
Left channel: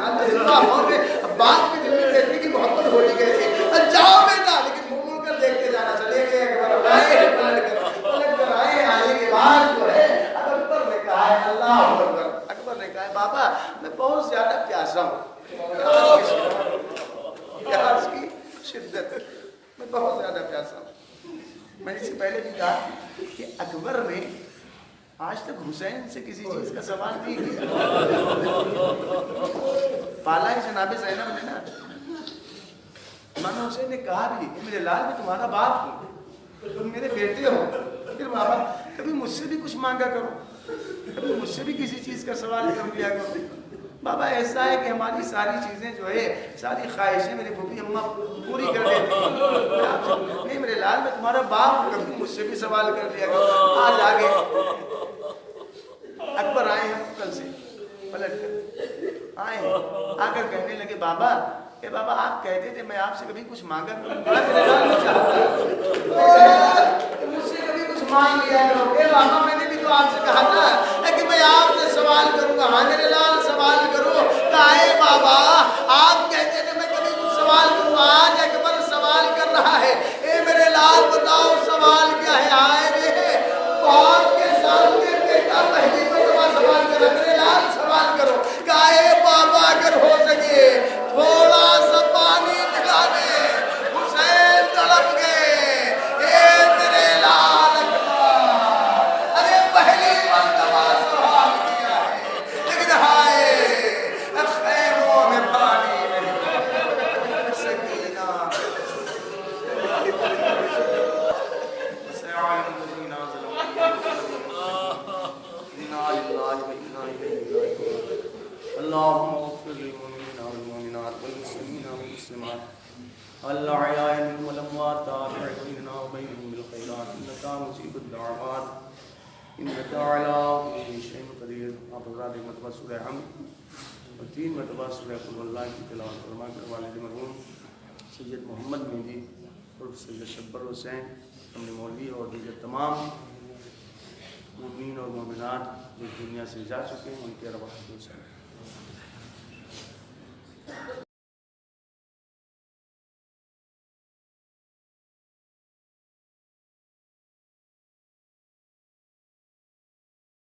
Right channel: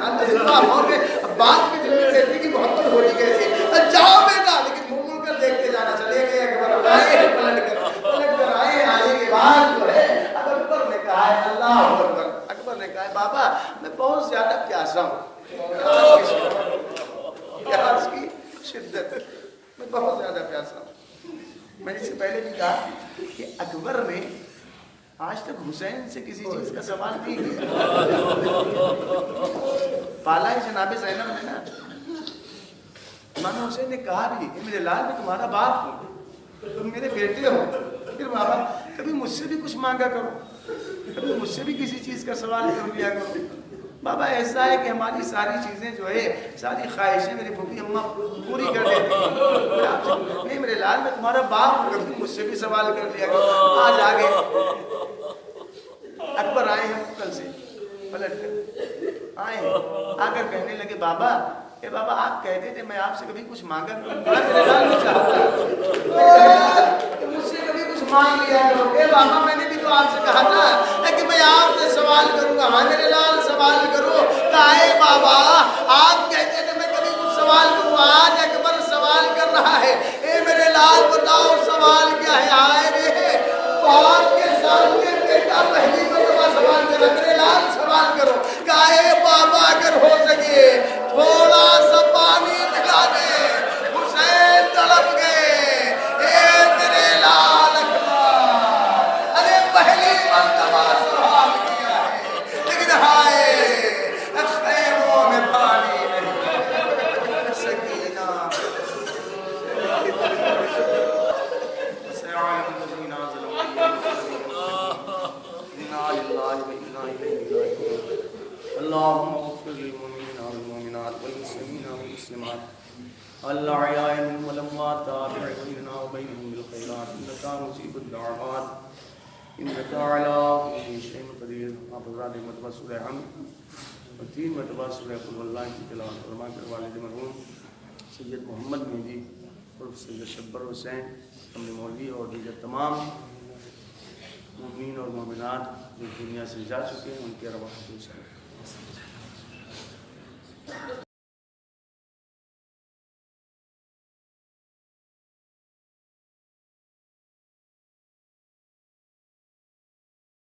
باپ کے دل میں بیٹے کی محبت ہوتی کیسے، جاؤ بیٹا، لیکن مڑ کر دیکھتے جانا۔ چلے گئے اکبر، آئے ہیں پلٹ کر آئے ہیں، آنے کے بعد جو ہے اب اکبر نے کہا ہے اللہ اکبر، اکبر نے کہا ہے بابا میں بہت زیادہ پیاسا ہوں، پیاس کی شدت، میں بہت زیادہ پیاسا ہوں۔ میں نے اس سے پہلے بھی کہا کہ اکبر نے آج تک حسین سے کسی چیز کا سوال نہیں کیا، پالا ہی جناب زینب نے نا۔ امام حسین نے کہا بھی کہ میرے لال میں تمہارا باپ ہوں، تم میرے بیٹے ہو، پھر بابا کبھی مجھ سے بھی کچھ مانگا کرو، کبھی مجھ سے بھی کسی چیز کا سوال کر لیا کرو۔ بابا ایسا ہے کہ ہماری ساری چیزیں جو ہے، ساری خواہشیں میری پھوپھی اماں پوری کر دیتی ہیں، میں آپ سے نہیں میرے لال میں تمہارا باپ ہوں، کبھی مجھ سے بھی سوال کر لیا کرو۔ آج آگے اکبر آئے ہیں کل سے پلٹ کر آئے ہیں، آ کر کہنے لگے بابا، اے بابا آپ کہتے تھے میں آپ سے کبھی کچھ مانگا کروں، میرے لال میں چاہتا کہ مجھ سے کبھی کچھ مانگ لیا کرو۔ اے بابا میں نے بھی تو آپ سے کہا تھا کہ میں آپ سے سوال کروں گا، ہاں میرے لال سوال کرو۔ کہا اے بابا آپ کہتے تھے میں کبھی کچھ سوال کروں، آج اکبر سوال کر رہا ہے، اے میرے لال بتاؤ سوال کیا ہے؟ آئے رے باپ کے سامنے بیٹا پہلی مرتبہ سوال کر رہا، میرے لال سوال کرو۔ کہا اے بابا اگر ہو سکے تھوڑا سا پانی پلا دے، حسین تڑپ گئے، اے میرے لال اکبر، ارے پہلی مرتبہ سوال کیا ہے لیکن ہائے خیموں میں پانی نہیں، سکینہ اللهم اغفر للمؤمنين والمؤمنات والمسلمين والمسلمات الأحياء منهم والأموات تابع بيننا وبينهم بالخيرات إنك مجيب الدعوات إنك على كل شيء قدير۔ آپ حضرات ایک مرتبہ سورہ حمد اور 3 مرتبہ سورہ قل واللہ کی تلاوت فرما کر والد مرحوم سید محمد مہدی عرف سید شبر حسین ہم نے مولوی اور دیگر تمام مومنین اور مومنات جو دنیا سے جا چکے ہیں ان کے ارواح کو